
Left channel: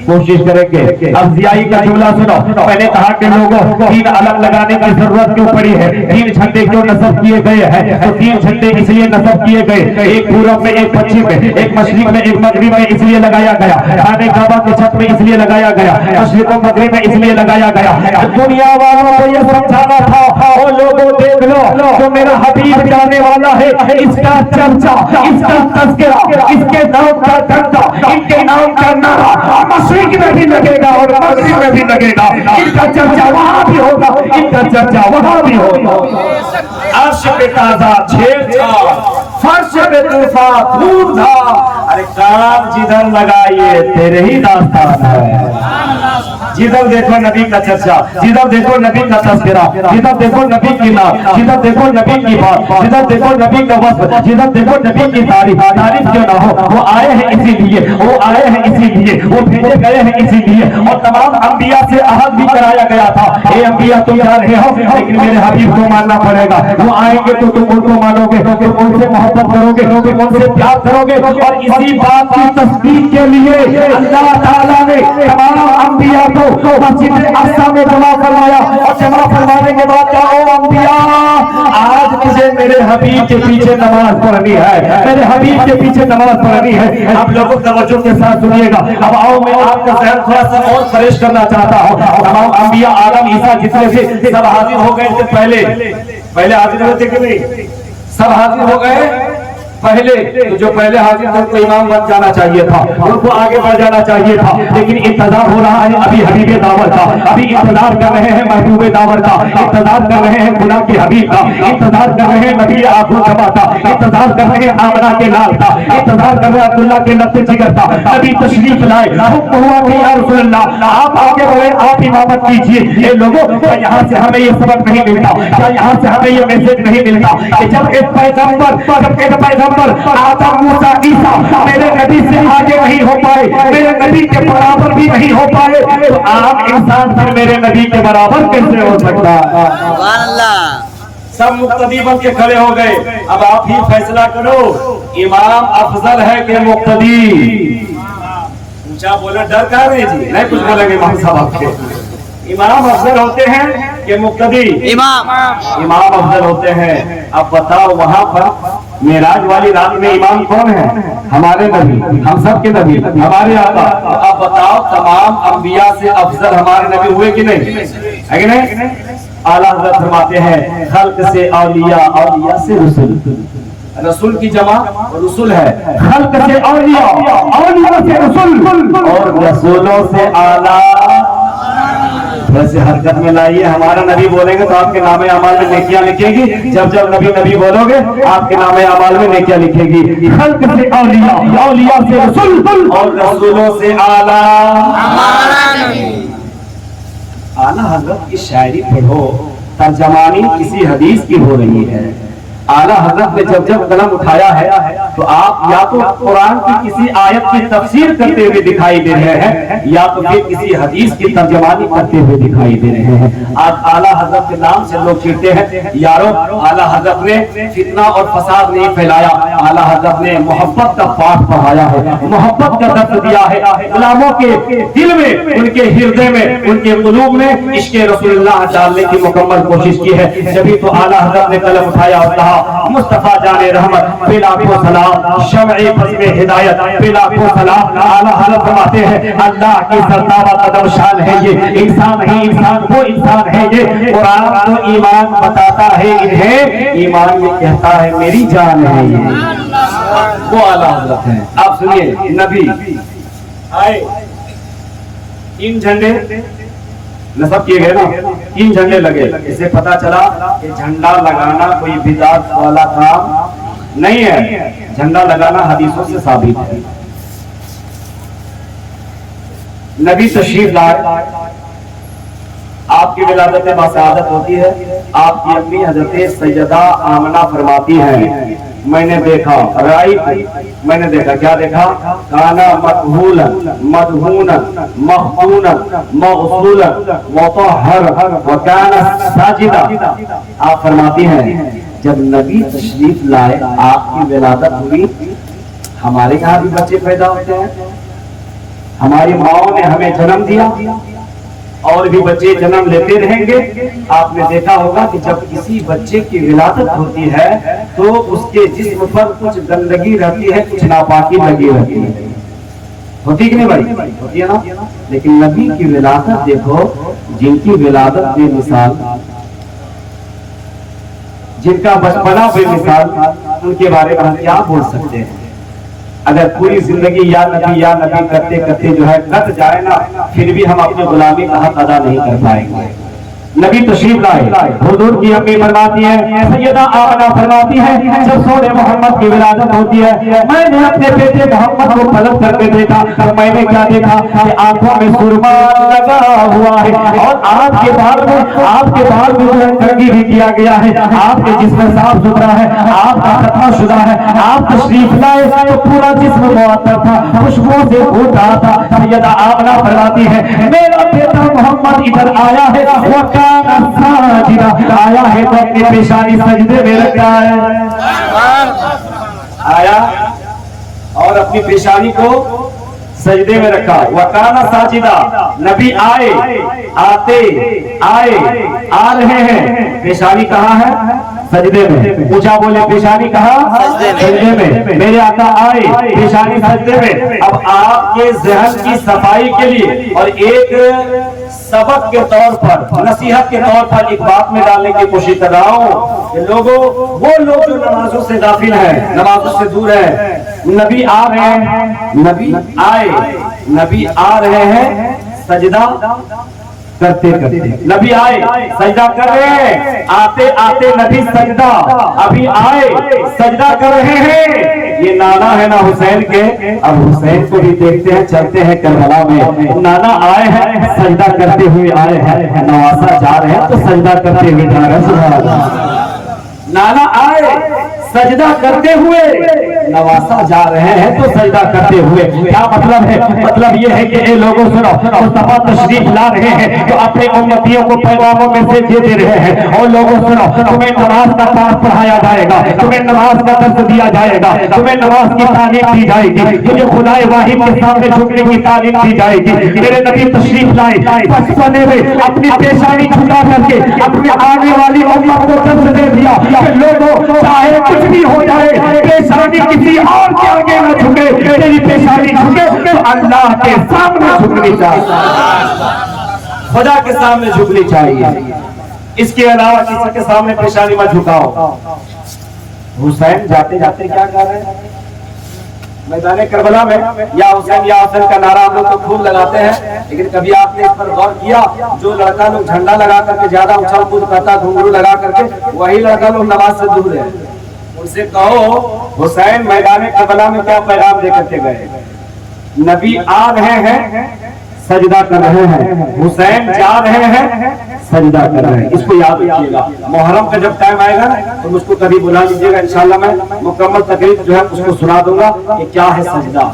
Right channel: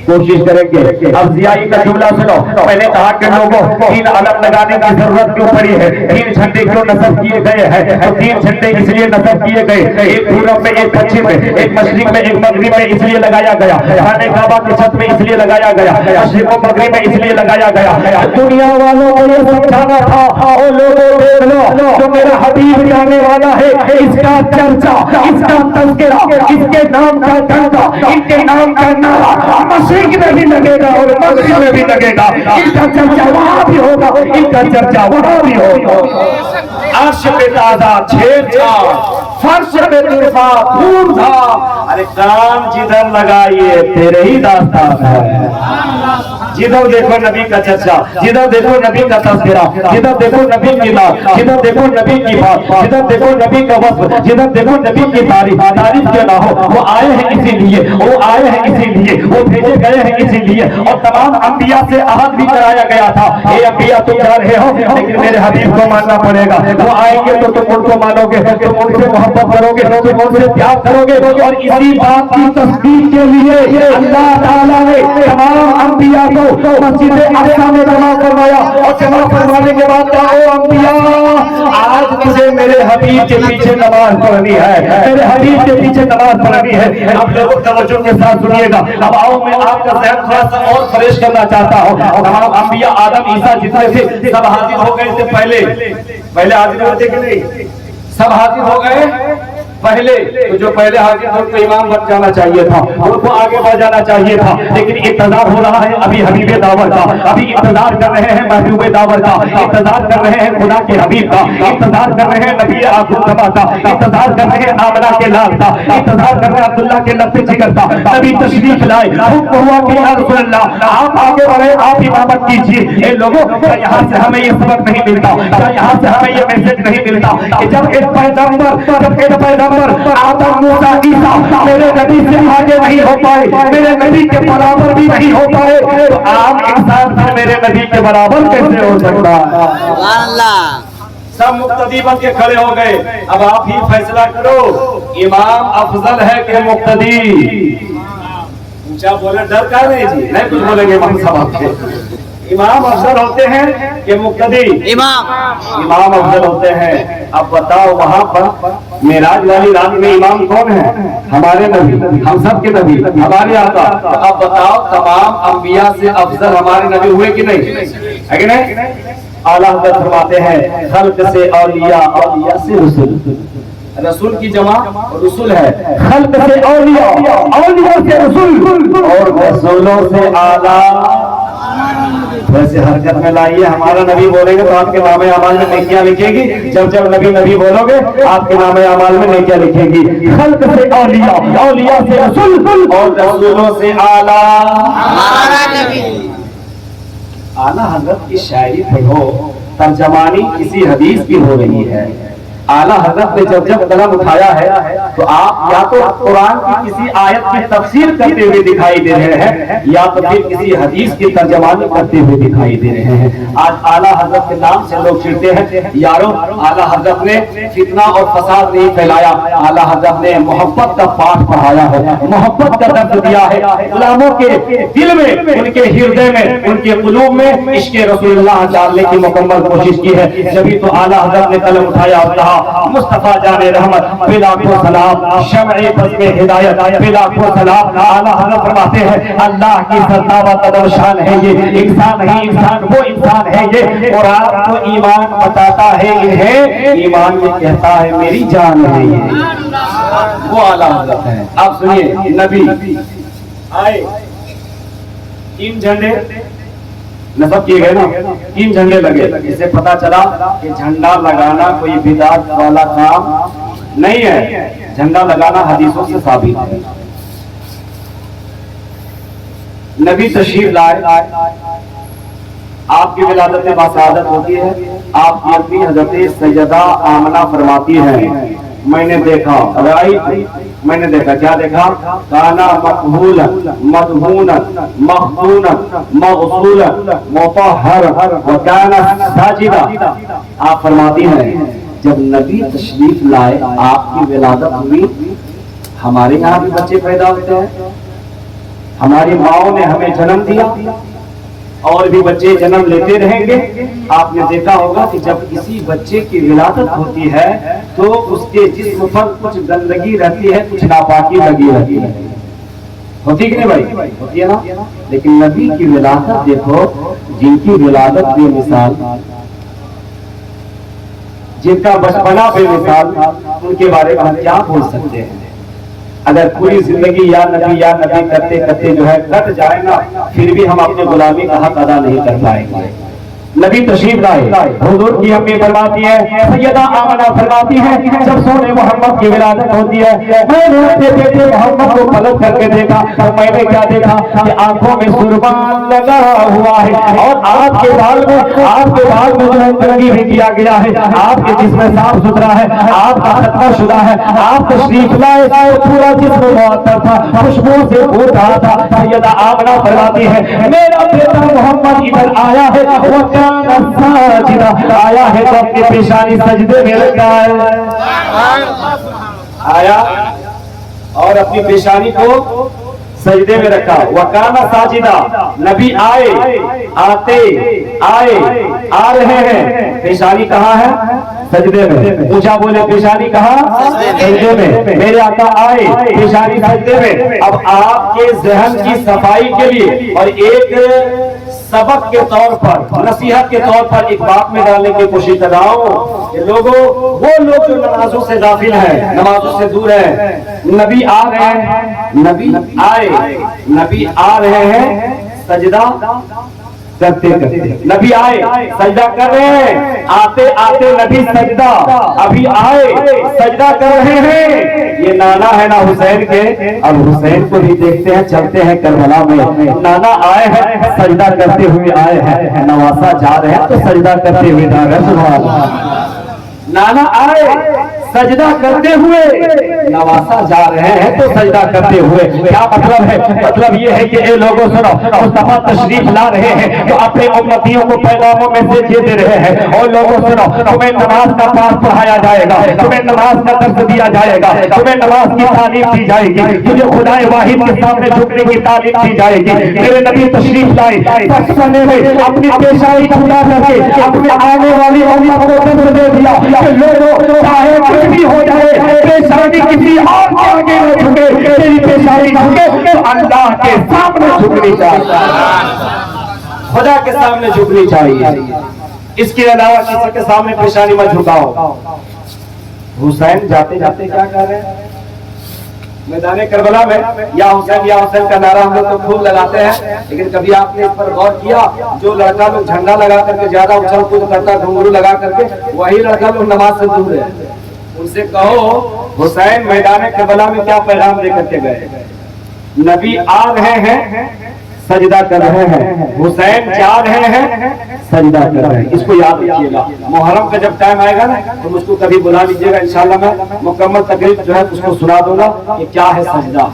کوشش کریں گے. اب ضیائی کا جملہ سنو. پہلے کہا کہ لوگوں تین علم لگانے کی ضرورت کیوں پڑی ہے, تین جھنڈے کیوں نصب کیے گئے ہیں؟ تو تین جھنڈے اس لیے نصب کیے گئے, ایک پورب میں, ایک پچھم میں, ایک مشرق میں, ایک مغرب میں, اس لیے لگایا گیا. خانہ کعبہ کی چھت میں اس لیے لگایا گیا, مشرق و مغرب میں اس لیے لگایا گیا. دنیا والوں کو یہ سمجھانا تھا, او لوگوں دیکھ لو, جو میرا حبیب جانے والا ہے, اس کا چرچا, اس کا تذکرہ, اس کے نام کا ڈنڈا, ان کے نام کا نعرہ مشرق میں بھی لگے گا اور مغرب میں بھی لگے گا. ان کا چرچا وہاں بھی ہوگا, ان کا چرچا وہاں بھی ہوگا. عرش پہ تازہ چھیڑ چھاڑ, فرش پہ طوفان دھوم دھام. ارے کام جدھر لگائیے تیرے ہی داستان ہے. جدھر دیکھو نبی کا چرچا, جدھر دیکھو نبی کا تذکرہ, جدھر دیکھو نبی کی نام, جدھر دیکھو نبی کی بات, جدھر دیکھو نبی کا وصف, جدھر دیکھو نبی کی تعریف. تعریف کیوں نہ ہو, وہ آئے ہیں اسی لیے, وہ آئے ہیں اسی لیے, وہ بھیجے گئے ہیں اسی لیے. اور تمام انبیاء سے عہد بھی کرایا گیا تھا, اے انبیاء تم جا رہے ہو لیکن میرے حبیب کو ماننا پڑے گا. وہ آئیں گے تو تم ان کو مانو گے, تم ان سے محبت کرو گے, تم ان سے پیار کرو گے. اور اسی بات کی تصدیق کے لیے اللہ تعالیٰ نے تمام انبیاء کو مسجد اقصی میں جمع کروایا. اور جمع کروانے کے بعد کیا, او انبیاء, آج مجھے میرے حبیب کے پیچھے نماز پڑھنی ہے, میرے حبیب کے پیچھے نماز پڑھنی ہے. آپ لوگوں توجہ کے ساتھ سنیے گا. اب آؤ میں آپ کا ذہن تھوڑا سا اور فریش کرنا چاہتا ہوں. تمام انبیاء آدم عیسیٰ جتنے تھے سب حاضر ہو گئے تھے. پہلے حاضر ہوتے کہ نہیں؟ سب حاضر ہو گئے پہلے. تو جو پہلے حاضر تھے ان کو امام بن جانا چاہیے تھا, ان کو آگے بڑھ جانا چاہیے تھا. لیکن انتظار ہو رہا ہے ابھی حبیب داور کا, ابھی انتظار کر رہے ہیں محبوب داور کا, انتظار کر رہے ہیں خدا کے حبیب کا, انتظار کر رہے ہیں نبی آخر سبا کا, انتظار کر رہے ہیں آمنہ کے لال کا, انتظار کر رہے ہیں عبداللہ کے لفظ جگر کا. ابھی تشریف لائے, حکم ہوا کہ یا رسول اللہ آپ آگے بڑھے, آپ امامت کیجیے. اے لوگوں, یہاں سے ہمیں یہ سبق نہیں ملتا, یہاں سے ہمیں یہ میسج نہیں ملتا کہ جب ایک پیغمبر آدم موسیٰ عیسیٰ میرے نبی سے آگے نہیں ہو پائے, میرے نبی کے برابر بھی نہیں ہو پائے, تو آپ انسان پھر میرے نبی کے برابر کیسے ہو سکتا ہے؟ سبحان اللہ. سب مقتدی بن کے کھڑے ہو گئے. اب آپ ہی فیصلہ کرو, امام افضل ہے کہ مقتدی؟ اونچا بولے, ڈر کا نہیں جی, نہیں کچھ بولیں گے ہم سب آپ کے. امام افضل ہوتے ہیں کہ مقتدی؟ امام افضل ہوتے ہیں. اب بتاؤ, وہاں پر معراج والی رات میں امام کون ہے؟ ہمارے نبی, ہم سب کے نبی, ہمارے آقا. اب بتاؤ, تمام انبیاء سے افضل ہمارے نبی ہوئے کہ نہیں؟ ہے کہ نہیں؟ اعلیٰ حضرت فرماتے ہیں خلق سے اولیاء, اولیاء سے رسول. رسول کی جمع رسول ہے. خلق سے اولیاء, اولیاء سے رسول, اور رسولوں سے اعلیٰ. ویسے حرکت میں لائیے, ہمارا نبی بولیں گے تو آپ کے نام اعمال میں نیکیاں لکھے گی. جب نبی بولو گے آپ کے نام اعمال میں نیکیاں لکھے گی. خلق سے اولیاء, اولیاء سے رسول, اور رسولوں سے اعلیٰ. اعلیٰ حضرت کی شاعری پڑھو, ترجمانی کسی حدیث کی ہو رہی ہے. اعلیٰ حضرت نے جب قلم اٹھایا ہے تو آپ یا تو قرآن کی کسی آیت کی تفسیر کرتے ہوئے دکھائی دے رہے ہیں, یا تو پھر کسی حدیث کی ترجمانی کرتے ہوئے دکھائی دے رہے ہیں. آج اعلیٰ حضرت کے نام سے لوگ چڑھتے ہیں. یارو, اعلیٰ حضرت نے فتنہ اور فساد نہیں پھیلایا, اعلیٰ حضرت نے محبت کا پاٹھ پڑھایا ہے, محبت کا درس دیا ہے. غلاموں کے دل میں, ان کے ہردے میں, ان کے قلوب میں عشق رسول اللہ ڈالنے کی مکمل کوشش کی ہے. جبھی تو اعلیٰ حضرت نے قلم اٹھایا اور کہا مصطفیٰ جان رحمت بے لاکھوں سلام, شمع بزم ہدایت بے لاکھوں سلام. اعلیٰ حضرت فرماتے ہیں اللہ کی سرتابہ قدم شان ہے یہ, انسان ہی انسان, وہ انسان ہے یہ. قرآن تو ایمان بتاتا ہے انہیں, ایمان یہ کہتا ہے میری جان ہے یہ. وہ اعلیٰ حضرت ہیں. آپ سنیے, نبی آئے, تین جھنڈے نصب کیے گئے نا, تین جھنڈے لگے. اس سے پتا چلا کہ جھنڈا لگانا کوئی بدعت والا کام نہیں ہے. جھنڈا لگانا حدیثوں سے ثابت ہے. نبی تشریف لائے, آپ کی ولادت باسعادت ہوتی ہے. آپ کی اپنی حضرت سیدہ آمنہ فرماتی ہیں میں نے دیکھا, میں نے دیکھا, کیا دیکھا؟ کانا مقبولا مدہونا مخدونا مغسولا مطہرا وکانا ساجدا. آپ فرماتی ہیں جب نبی تشریف لائے, آپ کی ولادت ہوئی, ہمارے یہاں بھی بچے پیدا ہوتے ہیں، ہماری ماؤں نے ہمیں جنم دیا اور بھی بچے جنم لیتے رہیں گے۔ آپ نے دیکھا ہوگا کہ جب کسی بچے کی ولادت ہوتی ہے تو اس کے جسم پر کچھ گندگی رہتی ہے، کچھ ناپاکی لگی رہتی ہے، ہوتی کہ نہیں بھائی؟ ہوتی ہے نا؟ لیکن نبی کی ولادت دیکھو، جن کی ولادت بے مثال، جن کا بچپنا بے مثال، ان کے بارے میں ہم کیا بول سکتے ہیں؟ اگر پوری زندگی یا نبی کرتے کرتے جو ہے کٹ جائے نا، پھر بھی ہم اپنے غلامی کا حق ادا نہیں کر پائیں گے۔ نبی تشریف لائے، حضور کی امی فرماتی ہے، سیدہ آمنہ فرماتی ہے، جب سونے محمد کی ولادت ہوتی ہے میں نے اپنے بیٹے محمد کو طلب کر کے دیکھا، اور میں نے کیا دیکھا کہ آنکھوں میں سرما لگا ہوا ہے اور آپ کے بال میں جو ہے کنگھی بھی کیا گیا ہے، آپ کے جسم صاف ستھرا ہے، آپ کا ختنہ شدہ ہے، آپ تشریف لائے تو پورا جسم معطر تھا، خوشبو سے پھوٹ رہا تھا۔ سیدہ آمنہ فرماتی ہے، میرا بیٹا محمد ادھر آیا ہے، آیا ہے تو اپنی پیشانی سجدے میں رکھا ہے، آیا اور اپنی پیشانی کو سجدے میں رکھا۔ وَكَانَ سَاجِدًا، نبی آ رہے ہیں، پیشانی کہاں ہے؟ سجدے میں۔ پوچھا بولے پیشانی کہاں؟ سجدے میں۔ میرے آقا آئے، پیشانی سجدے میں۔ اب آپ کے ذہن کی صفائی کے لیے اور ایک سبق کے طور پر، نصیحت کے طور پر ایک بات میں ڈالنے کی کوشش کر رہا ہوں کہ لوگوں، وہ لوگ جو نمازوں سے غافل ہیں، نمازوں سے دور ہیں، نبی آ رہے ہیں، نبی آ رہے ہیں سجدہ کرتے کرتے، نبی آئے سجدہ کر رہے ہیں، آتے آتے نبی سجدہ، ابھی آئے سجدہ کر رہے ہیں۔ یہ نانا ہے نا حسین کے، اب حسین کو بھی دیکھتے ہیں، چلتے ہیں کربلا میں، نانا آئے ہیں سجدہ کرتے ہوئے آئے ہیں، نواسا جا رہے ہیں تو سجدہ کرتے ہوئے جا رہے ہیں۔ سبحان اللہ، نانا آئے سجدہ کرتے ہوئے، نواسا جا رہے ہیں تو سجدہ کرتے ہوئے۔ کیا مطلب ہے؟ مطلب یہ ہے کہ اے لوگوں سنو، مصطفیٰ تشریف لا رہے ہیں تو اپنے امتیوں کو پیغاموں میں سے دے رہے ہیں، اور لوگوں سنو، تمہیں نماز کا پاس پڑھایا جائے گا، تمہیں نماز کا درس دیا جائے گا، تمہیں نماز کی تعلیم دی جائے گی، تمہیں خدائے واحد کے سامنے جھکنے کی تعلیم دی جائے گی۔ میرے نبی تشریف لائے، بچپنے میں اپنی پیشانی چھپا کر کے اپنے آنے والی امت کو درس دے دیا کہ لوگوں چاہے کچھ بھی ہو جائے، پیشانی کسی اور کے آگے نہ جھکے، تیری پیشانی جھکے تو اللہ کے سامنے جھکنی چاہیے، خدا کے سامنے جھکنی چاہیے، اس کے علاوہ کسی کے سامنے پیشانی مت جھکاؤ۔ حسین جاتے جاتے کیا کر رہے ہیں میدان کربلا میں؟ یا حسین کا نعرہ ہم لوگ تو خوب لگاتے ہیں، لیکن کبھی آپ نے اس پر غور کیا جو لڑکا لوگ جھنڈا لگا کر کے زیادہ اچھل کود کرتا، گھنگرو لگا کر کے، وہی لڑکا لوگ نماز سے دور ہے۔ ان سے کہو حسین میدان کربلا میں کیا پیغام دے کر کے گئے؟ نبی آ رہے ہیں سجدہ کر رہے ہیں، حسین جا رہے ہیں سجدہ کر رہے ہیں۔ اس کو یاد رکھیے گا، محرم کا جب ٹائم آئے گا نا تو مجھ کو کبھی بلا لیجیے گا، انشاءاللہ میں مکمل تقریب جو ہے اس کو سنا دوں گا کہ کیا ہے سجدہ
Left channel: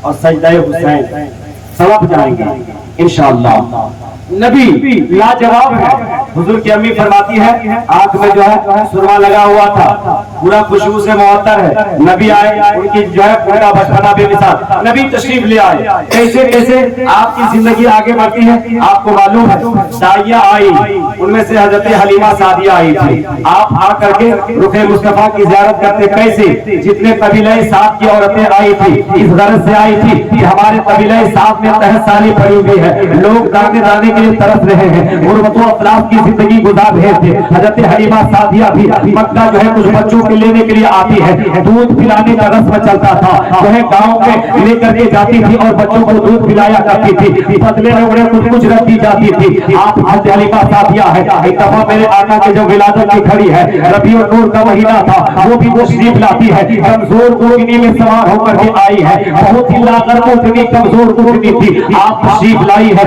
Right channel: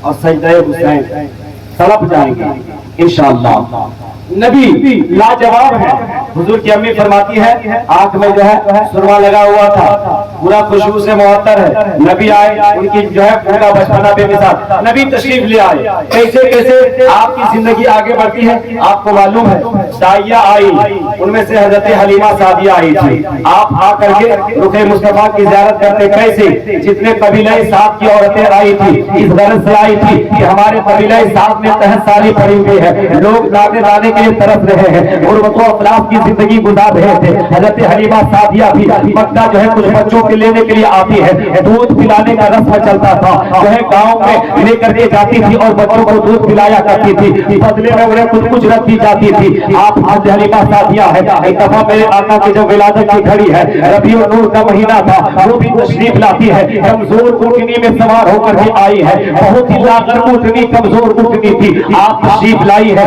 اور سجدہ حسین، سبق جائیں گے انشاءاللہ۔ نبی لاجواب ہے، حضور کی امی فرماتی ہے آنکھ میں جو ہے سرما لگا ہوا تھا، پورا خوشبو سے معطر ہے، نبی آئے، ان کی جو ہے پورا بچپنا بے مثال، نبی تشریف لے آئے۔ کیسے کیسے آپ کی زندگی آگے بڑھتی ہے آپ کو معلوم ہے، داعیہ آئی، ان میں سے حضرت حلیمہ سعدیہ آئی تھی، آپ آ کر کے رخ مصطفیٰ کی زیارت کرتے، کیسے؟ جتنے قبیلہ سعد کی عورتیں آئی تھی اس غرض سے آئی تھی کہ ہمارے قبیلہ سعد میں 60 سالی پڑی ہوئی ہے، لوگ دانے دانے طرف رہے ہیں، غربت و افلاس کی زندگی گزار رہے تھے۔ حضرت حلیمہ سعدیہ بھی مکہ جو ہے کچھ بچوں کے لینے کے لیے آتی ہے، دودھ پلانے کا رسم چلتا تھا، جو ہے گاؤں میں لے کر کے جاتی تھی اور بچوں کو دودھ پلایا کرتی تھی، بدلے میں انہیں کچھ رکھ دی جاتی تھی۔ آپ حضرت حلیمہ سعدیہ ہے، ایک دفعہ میرے آقا کے جو ولادت کی گھڑی ہے، ربیع النور کا مہینہ تھا، وہ بھی تشریف لاتی ہے، کمزور اونٹنی میں سوار ہو کر کے آئی ہے، بہت ہی لاغر اونٹنی، کمزور اونٹنی تھی، آپ تشریف لائی ہے۔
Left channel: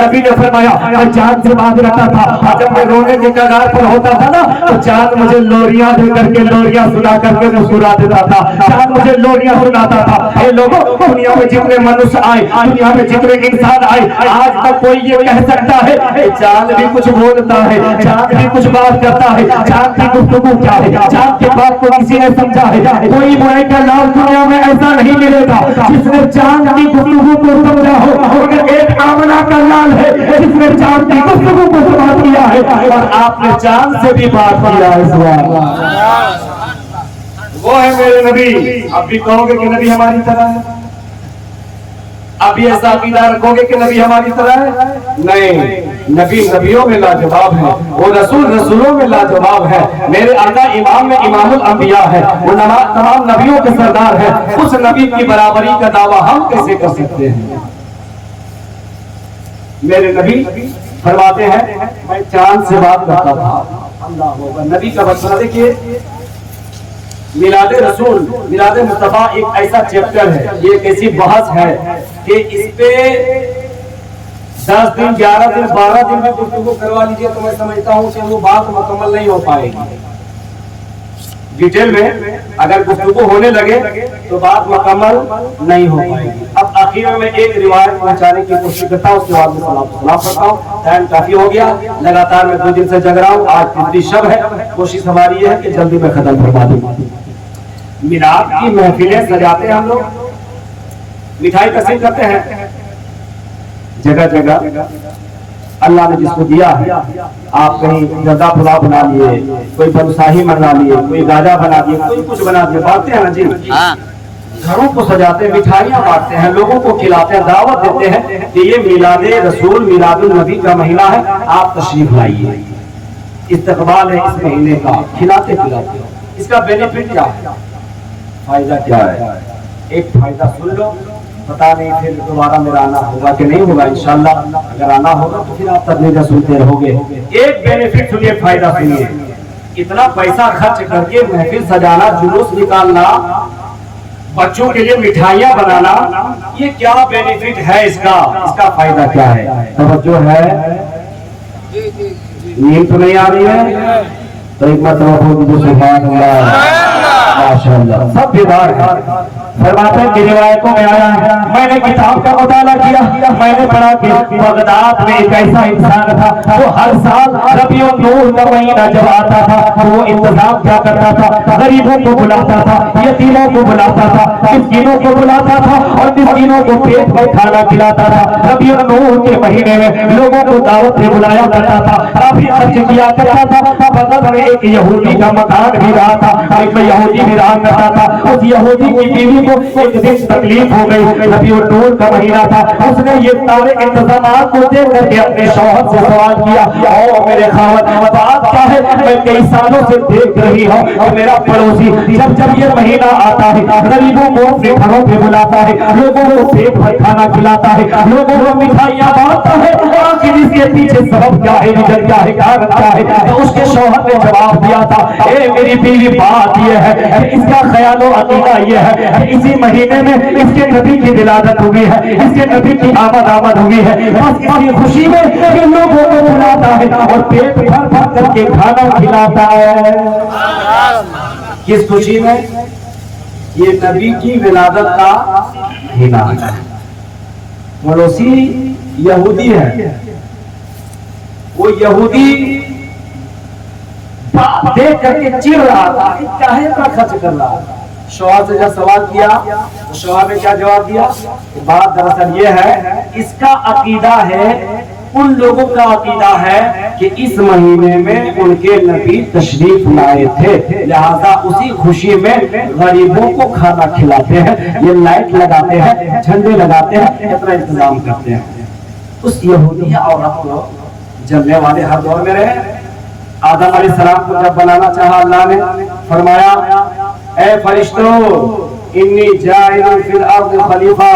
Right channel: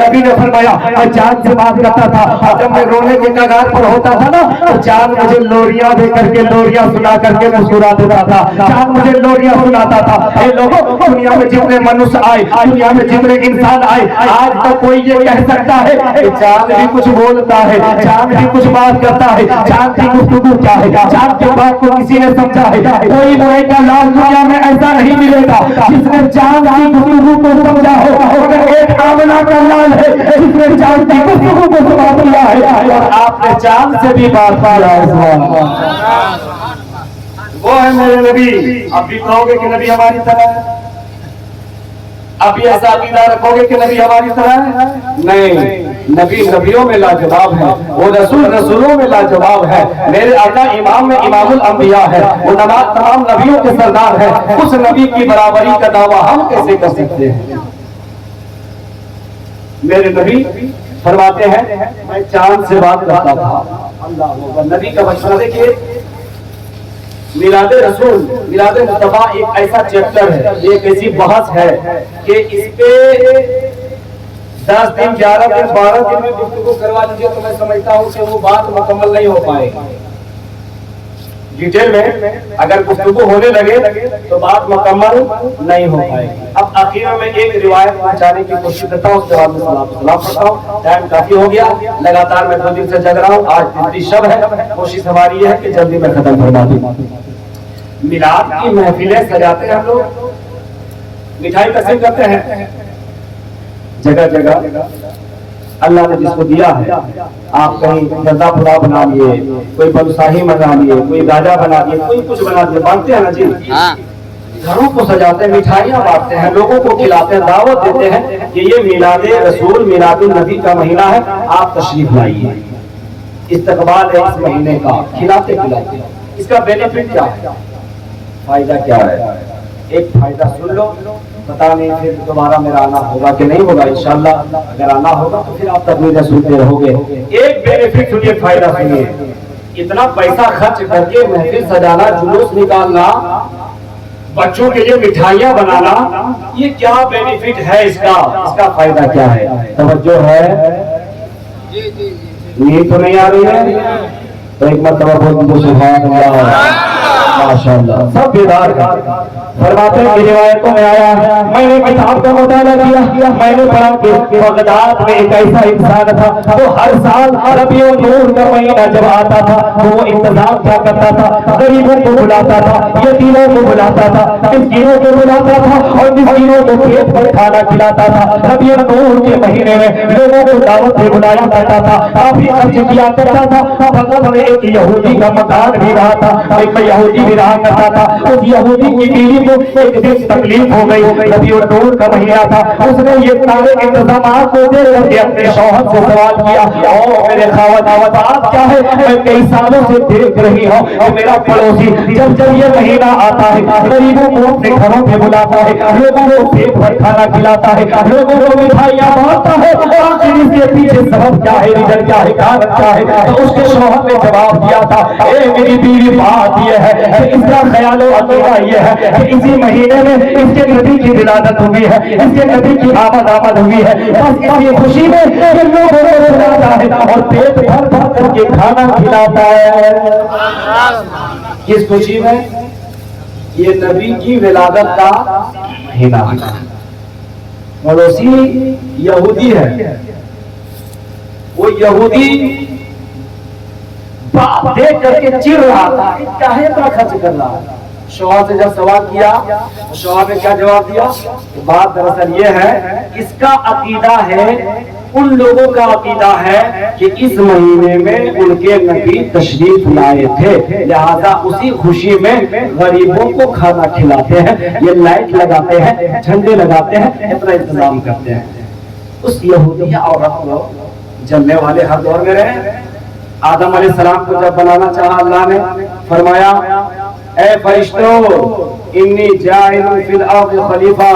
نبی نے فرمایا میں چاند سے بات کرتا تھا, جب میں رونے کے کگار پر ہوتا تھا نا تو چاند مجھے لوریاں دے کر کے, لوریاں سنا کر کے مسکرا دیتا تھا. چاند مجھے لوریاں سناتا تھا. اے لوگوں, دنیا میں جتنے منوس آئے, دنیا میں جتنے انسان آئے, آج تک کوئی یہ کہہ سکتا ہے کہ چاند بھی کچھ بولتا ہے, چاند بھی کچھ بات کرتا ہے, چاند کی گفتگو کیا ہے, چاند کے بات کو کسی نے سمجھا ہے؟ کوئی ملائکہ لال دنیا میں ایسا نہیں ملے گا جس نے چاند کی گفتگو کو سمجھا ہو. مگر ایک آمنہ کا لال ہے جس نے چاند کی گفتگو کو سمجھا دیا ہے, اور آپ نے چاند سے بھی بات کیا ہے. وہ ہے میرے نبی. اب بھی کہو گے کہ نبی ہماری طرح ہے؟ اب یہ ایسا عقیدہ رکھو گے کہ نبی ہماری طرح ہے؟ نہیں, نبی نبیوں میں لاجواب ہے, وہ رسول رسولوں میں لاجواب ہے. میرے آقا امام میں امام الانبیاء ہے, وہ تمام نبیوں کے سردار ہے. اس نبی کی برابری کا دعویٰ ہم کیسے کر سکتے ہیں؟ میرے نبی فرماتے ہیں میں چاند سے بات کرتا تھا. اللہ اکبر. نبی کا بچپنا دیکھیے. میلاد رسول, میلاد مصطفیٰ ایک ایسا چیپٹر ہے, ایک ایسی بحث ہے کہ اس پہ 10 دن 11 دن 12 دن میں گفتگو کروا لیجیے تو میں سمجھتا ہوں کہ وہ بات مکمل نہیں ہو پائے گی. ڈیٹیل میں اگر گفتگو ہونے لگے تو بات مکمل نہیں ہو پائے گی. اب آخر میں ایک روایت پہنچانے کی کوشش کرتا ہوں, اس کے بعد سلام پڑھتا ہوں. ٹائم کافی ہو گیا, لگاتار میں 2 دن سے جگ رہا ہوں. آج تیسری شب ہے, کوشش ہماری یہ ہے کہ جلدی میں ختم فرما دوں. میلاد کی محفلیں سجاتے ہیں ہم لوگ, مٹھائی تقسیم کرتے ہیں جگہ جگہ. اللہ نے جس کو دیا ہے, آپ کہیں زردہ پلاؤ بنا لیے, کوئی بلوساہی بنا لیے, کوئی گاجا بنا دیے, کوئی کچھ بنا دیے, بانٹتے ہیں نا جی. گھروں کو سجاتے ہیں, مٹھائیاں بانٹتے ہیں, لوگوں کو کھلاتے ہیں, دعوت دیتے ہیں کہ یہ میلاد رسول میلاد النبی کا مہینہ ہے, آپ تشریف لائیے. استقبال ہے اس مہینے کا, کھلاتے پلاتے. اس کا بینیفٹ کیا ہے, فائدہ کیا ہے؟ ایک فائدہ سن لو, پتا نہیں پھر دوبارہ میرا آنا ہوگا کہ نہیں ہوگا. انشاءاللہ اگر آنا ہوگا تو پھر آپ تبلیغ سنتے رہو گے. ایک بینیفٹ سنیے, فائدہ سنیے. اتنا پیسہ خرچ کر کے محفل سجانا, جلوس نکالنا, بچوں کے لیے مٹھائیاں بنانا, یہ کیا بینیفٹ ہے اس کا؟ اس کا فائدہ کیا ہے؟ توجہ ہے؟ نیند تو نہیں آ رہی ہے تو ایک مرتبہ بول دیجیے سبحان اللہ. ماشاءاللہ سب بیدار ہیں. فرماتے ہیں کہ روایتوں میں آیا ہے, میں نے کتاب کا مطالعہ کیا, میں نے پڑھا کہ بغداد میں ایک ایسا انسان تھا وہ ہر سال ربیع النور کا مہینہ جب آتا تھا وہ انتظام کیا کرتا تھا, غریبوں کو بلاتا تھا, یتیموں کو بلاتا تھا, مسکینوں کو بلاتا تھا اور مسکینوں کو پیٹ پر کھانا کھلاتا تھا. ربیع النور کے مہینے میں لوگوں کو دعوت سے بلایا کرتا تھا, کافی خرچ کیا کرتا تھا. بغداد میں ایک یہودی کا مکان بھی رہا تھا, ایک یہودی بھی رہا کرتا تھا. اس یہودی کی بیوی کو ایک دن تکلیف ہو گئی, ربیع النور کا مہینہ تھا. اس نے یہ سارے انتظامات کو دے کر کے اپنے شوہر سے سوال کیا, او میرے خاوند بات کیا ہے, میں کئی سالوں سے دیکھ رہی ہوں کہ میرا پڑوسی جب یہ مہینہ آتا ہے غریبوں کو اپنے گھروں پہ بلاتا ہے, لوگوں کو پیٹ بھر کھانا کھلاتا ہے, لوگوں کو مٹھائیاں بانٹتا ہے, آخر اس کے پیچھے سبب کیا ہے, ریزن کیا ہے, کارن کیا ہے؟ تو اس کے شوہر نے جواب دیا تھا, اے میری بیوی بات یہ ہے کہ اس کا خیال و عقیدہ یہ ہے کہ اسی مہینے میں اس کے نبی کی ولادت ہوئی ہے, اس کے نبی کی آمد ہوئی ہے, بس اسی خوشی میں کہ لوگوں کو بلاتا ہے اور پیٹ بھر بھر کر کے کھانا کھلاتا ہے. کس خوشی میں؟ یہ نبی کی ولادت کا مہینہ. پڑوسی یہودی ہے, وہ یہودی دیکھ کر کے چڑ رہا تھا, کیا ہے اتنا خرچ کر رہا ہے. شوہر سے جب سوال کیا, شوہر نے کیا جواب دیا؟ بات دراصل یہ ہے, اس کا عقیدہ ہے, ان لوگوں کا عقیدہ ہے کہ اس مہینے میں ان کے نبی تشریف لائے تھے, لہذا اسی خوشی میں غریبوں کو کھانا کھلاتے ہیں, یہ لائٹ لگاتے ہیں, جھنڈے لگاتے ہیں, اتنا انتظام کرتے ہیں. اس یہودی عورت کو جلنے والے ہر دور میں رہے. آدم علیہ السلام کو جب بنانا چاہا اللہ نے, فرمایا اے فرشتوں انی جاعل فی الارض خلیفہ,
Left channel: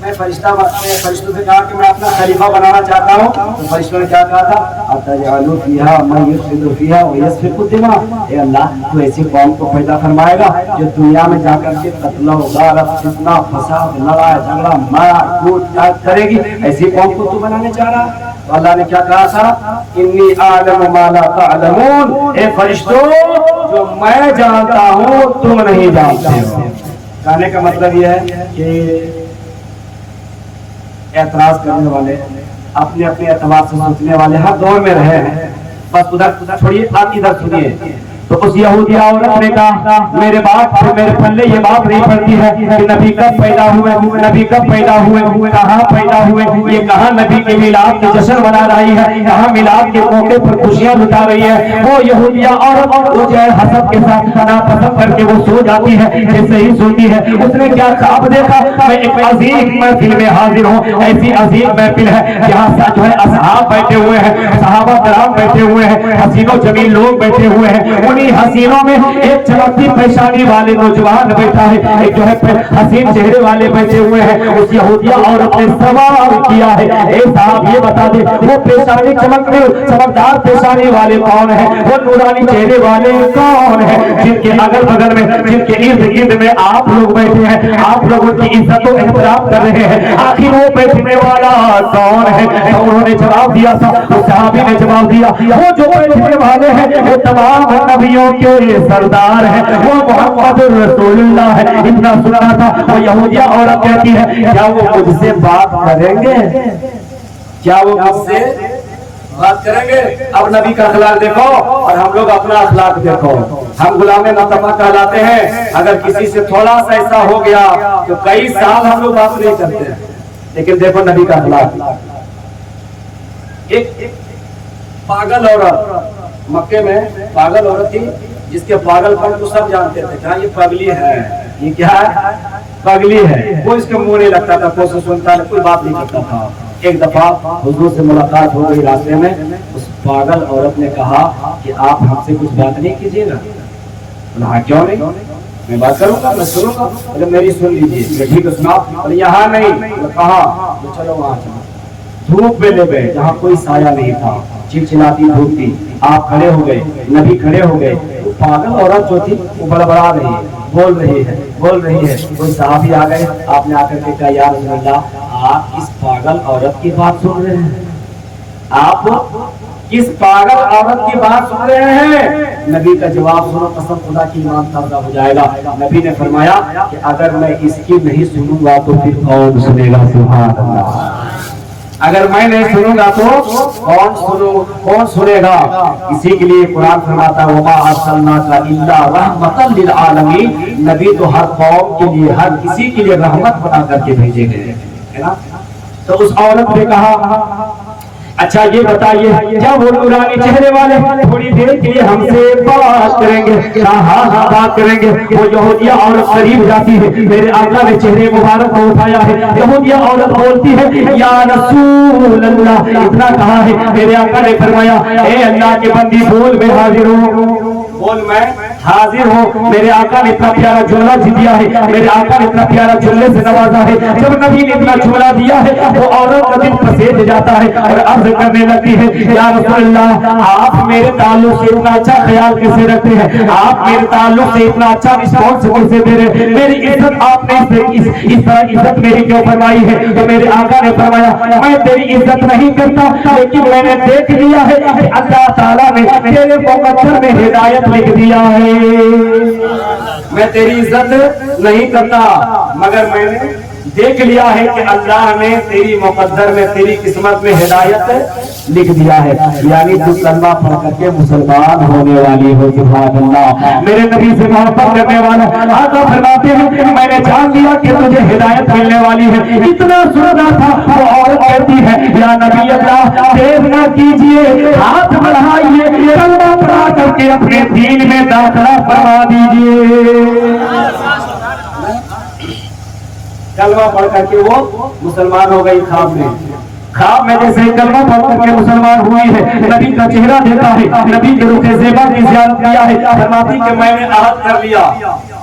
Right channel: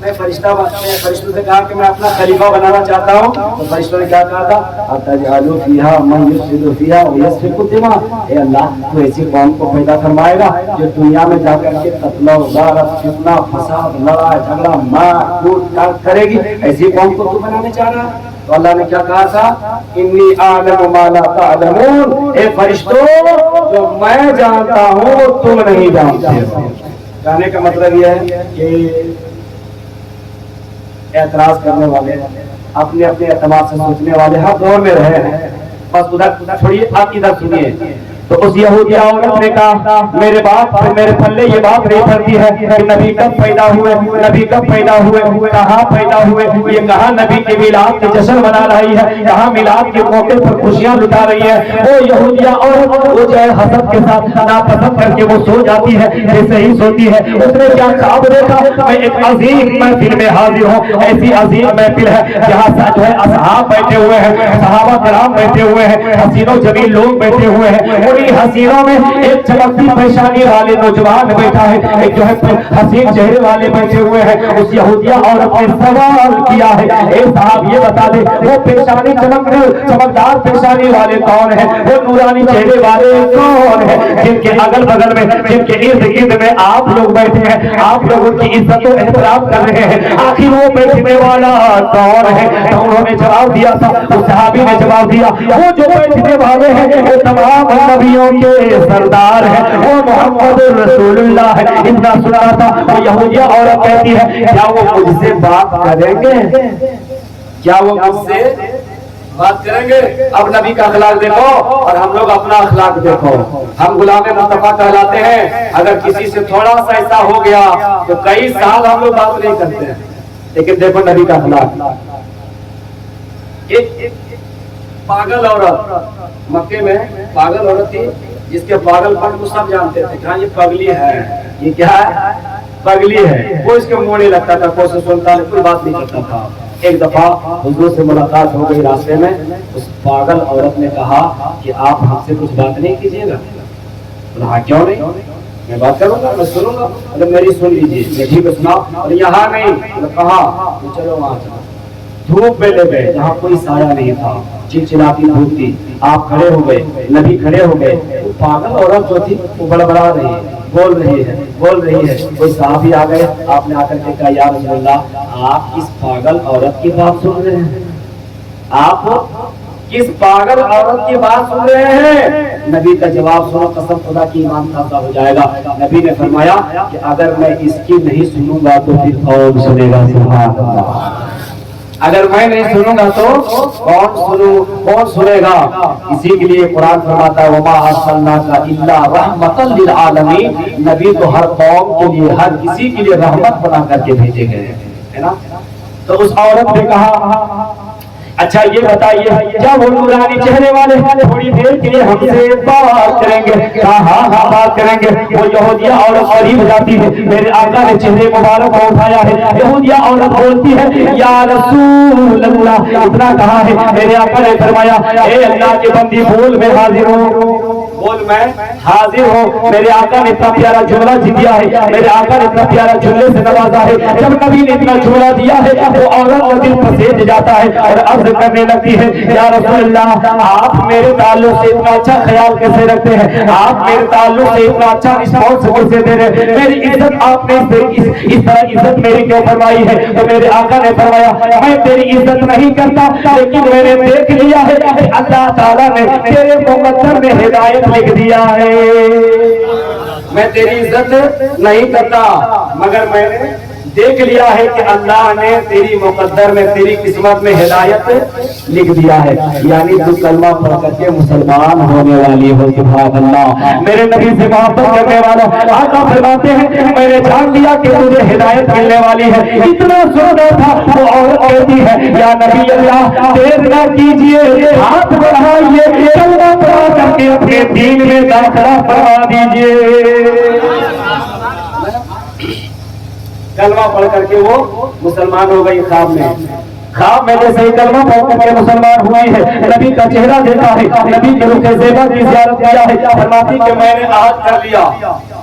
میں فرشتوں سے کہا کہ میں اپنا خلیفہ بنانا چاہتا ہوں. تو فرشتوں نے کیا کہا تھا؟ اتجعل فیہا من یفسد فیہا ویسفک الدماء. اے اللہ تو ایسی قوم کو پیدا فرمائے گا جو دنیا میں جا کر کے قتل و غارت, فتنہ, فساد, لڑائی جھگڑا, مار کوٹ کرے گی. ایسی قوم کو تو بنانے چاہ رہا. تو اللہ نے کیا کہا تھا؟ انی اعلم ما لا تعلمون. اے فرشتوں جو میں جانتا ہوں تم نہیں جانتے ہو. کہنے کا مطلب یہ ہے کہ اعتراض کرنے والے, اپنے اپنے اعتماد سے سوچنے والے ہر دور میں رہے ہیں. بس ادھر چھوڑیے, آپ ادھر سنیے. تو اس یہودی عورت نے کہا میرے باپ میرے پلے یہ بات نہیں پڑتی ہے کہ نبی کب پیدا ہوئے, نبی کب پیدا ہوئے, کہاں پیدا ہوئے, یہ کہاں نبی کے میلاد کے جشن منا رہی ہے, کہاں میلاد کے موقع پر خوشیاں لٹا رہی ہے. وہ یہودیہ عورت وہ جو ہے حسد کے ساتھ ناپسند کر کے وہ سو جاتی ہے, ایسے ہی سوتی ہے. اس نے کیا خواب دیکھا؟ میں ایک عظیم محفل میں حاضر ہوں. ایسی عظیم محفل ہے جہاں جو ہے اصحاب بیٹھے ہوئے ہیں, صحابہ کرام بیٹھے ہوئے ہیں, حسین و جمیل لوگ بیٹھے ہوئے ہیں. حسینوں میں ایک چمکتی پیشانی والے نوجوان بیٹھا ہے, ایک جو ہے حسین چہرے والے بیٹھے ہوئے ہیں. اس یہودیہ عورت نے سوال کیا ہے, اے صاحب یہ بتا دے وہ پیشانی چمکدار پیشانی والے کون ہیں, وہ نورانی چہرے والے کون ہیں, جن کے اگل بغل میں, جن کے ارد گرد میں آپ لوگ بیٹھے ہیں, آپ لوگوں کی عزت و احترام کر رہے ہیں, آخر وہ بیٹھنے والا کون ہے؟ تو انہوں نے جواب دیا تھا, اس صحابی نے جواب دیا وہ جو بیٹھنے والے ہیں وہ تمام نبیوں کے سردار ہے, وہ محمد رسول اللہ ہے. اتنا سنا تھا. وہ یہودیہ عورت کہتی ہے کیا وہ مجھ سے بات کریں گے, کیا وہ مجھ سے بات کریں گے؟ اب نبی کا اخلاق دیکھو اور ہم لوگ اپنا اخلاق دیکھو. ہم غلام مصطفیٰ کہلاتے ہیں. اگر کسی سے تھوڑا سا ایسا ہو گیا تو کئی سال ہم لوگ بات نہیں کرتے ہیں. لیکن دیکھو نبی کا اخلاق. ایک پاگل عورت, مکے میں پاگل عورت تھی جس کے پاگل پن کو سب جانتے تھے, کہاں یہ پگلی ہے, یہ کیا ہے, پگلی ہے. کوئی اس کے منہ نہیں لگتا تھا, کوئی سے سنتا نہیں, کوئی بات نہیں کرتا تھا. ایک دفعہ حضور سے ملاقات ہو گئی راستے میں. اس پاگل عورت نے کہا کہ آپ ہم سے کچھ بات نہیں کیجیے گا. ہاں کیوں نہیں, میں بات کروں گا, میں سنوں گا. اگر میری سن لیجیے, ٹھیک ہے سناؤ. یہاں نہیں, کہا چلو وہاں چلو. دھوپ میں لے گئے جہاں کوئی سایہ نہیں تھا, چلچلاتی دھوپ تھی. آپ کھڑے ہو گئے, نبی کھڑے ہو گئے. پاگل عورت جو تھی وہ بڑبڑا رہی ہے, بول رہی ہے. کوئی صحابی آ گئے, آپ نے آ کر کے کہا یا رسول اللہ آپ کس پاگل عورت کی بات سن رہے ہیں, آپ کس پاگل عورت کی بات سن رہے ہیں؟ نبی کا جواب سنو, قسم خدا کی ایمان تازہ ہو جائے گا. نبی نے فرمایا کہ اگر میں اس کی نہیں سنوں گا تو پھر کون سنے گا؟ سبحان اللہ. اگر میں نہیں سنوں گا تو کون سنے گا؟ اسی کے لیے قرآن فرماتا ہے وما ارسلناک الا رحمتا للعالمین. نبی تو ہر قوم کے لیے, ہر کسی کے لیے رحمت بنا کر کے بھیجے گئے ہیں نا. تو اس عورت نے کہا اچھا یہ بتائیے کیا وہ نورانی چہرے والے تھوڑی دیر کے لیے ہم سے بات کریں گے؟ ہاں بات کریں گے. وہ یہودیہ عورت قریب جاتی ہے, میرے آقا نے چہرے مبارک کو اٹھایا ہے. یہودیہ عورت بولتی ہے یا رسول اللہ. اتنا کہا ہے, میرے آقا نے فرمایا اے اللہ کے بندی بول میں حاضر ہوں, بول میں حاضر ہوں. میرے آقا نے اتنا پیارا جملہ دیا ہے, میرے آقا نے اتنا پیارا جملے سے نوازا ہے. جب نبی نے اتنا جملہ دیا ہے تو عورت کا دل پسند جاتا ہے اور عرض کرنے لگتی ہے یا رسول اللہ آپ میرے تعلق سے اتنا اچھا خیال کیسے رکھتے ہیں, آپ میرے تعلق سے اتنا اچھا رسپانس کیسے دے رہے ہیں, میری عزت آپ نے اس طرح عزت میری کیوں فرمائی ہے؟ تو میرے آقا نے فرمایا میں تیری عزت نہیں کرتا, لیکن میں نے دیکھ لیا ہے کہ اللہ تعالیٰ نے تیرے مقدر میں ہدایت لکھ دیا ہے. میں تیری عزت نہیں کرتا مگر میں نے دیکھ لیا ہے کہ اللہ نے تیری مقدر میں, تیری قسمت میں ہدایت لکھ دیا ہے. یعنی تو کلمہ پڑھ کر کے مسلمان ہونے والی ہو. سبحان اللہ. میرے نبی سے محبت کرنے والا آقا فرماتے ہیں کہ میں نے جان لیا کہ تجھے ہدایت ملنے والی ہے. اتنا سنا تھا وہ عورت کہتی ہے یا نبی اللہ دیر نہ کیجیے, ہاتھ بڑھائیے, کلمہ پڑھا کر کے اپنے دین میں داخلہ کروا دیجیے. کلمہ پڑھ کر کے وہ مسلمان ہو گئی. خواب میں جیسے کلمہ پڑھ کر کے مسلمان ہوئی ہے, نبی کا چہرہ دیکھا ہے, نبی کے رخ زیبا کی زیارت کیا ہے. فرماتی کہ میں نے عہد کر لیا,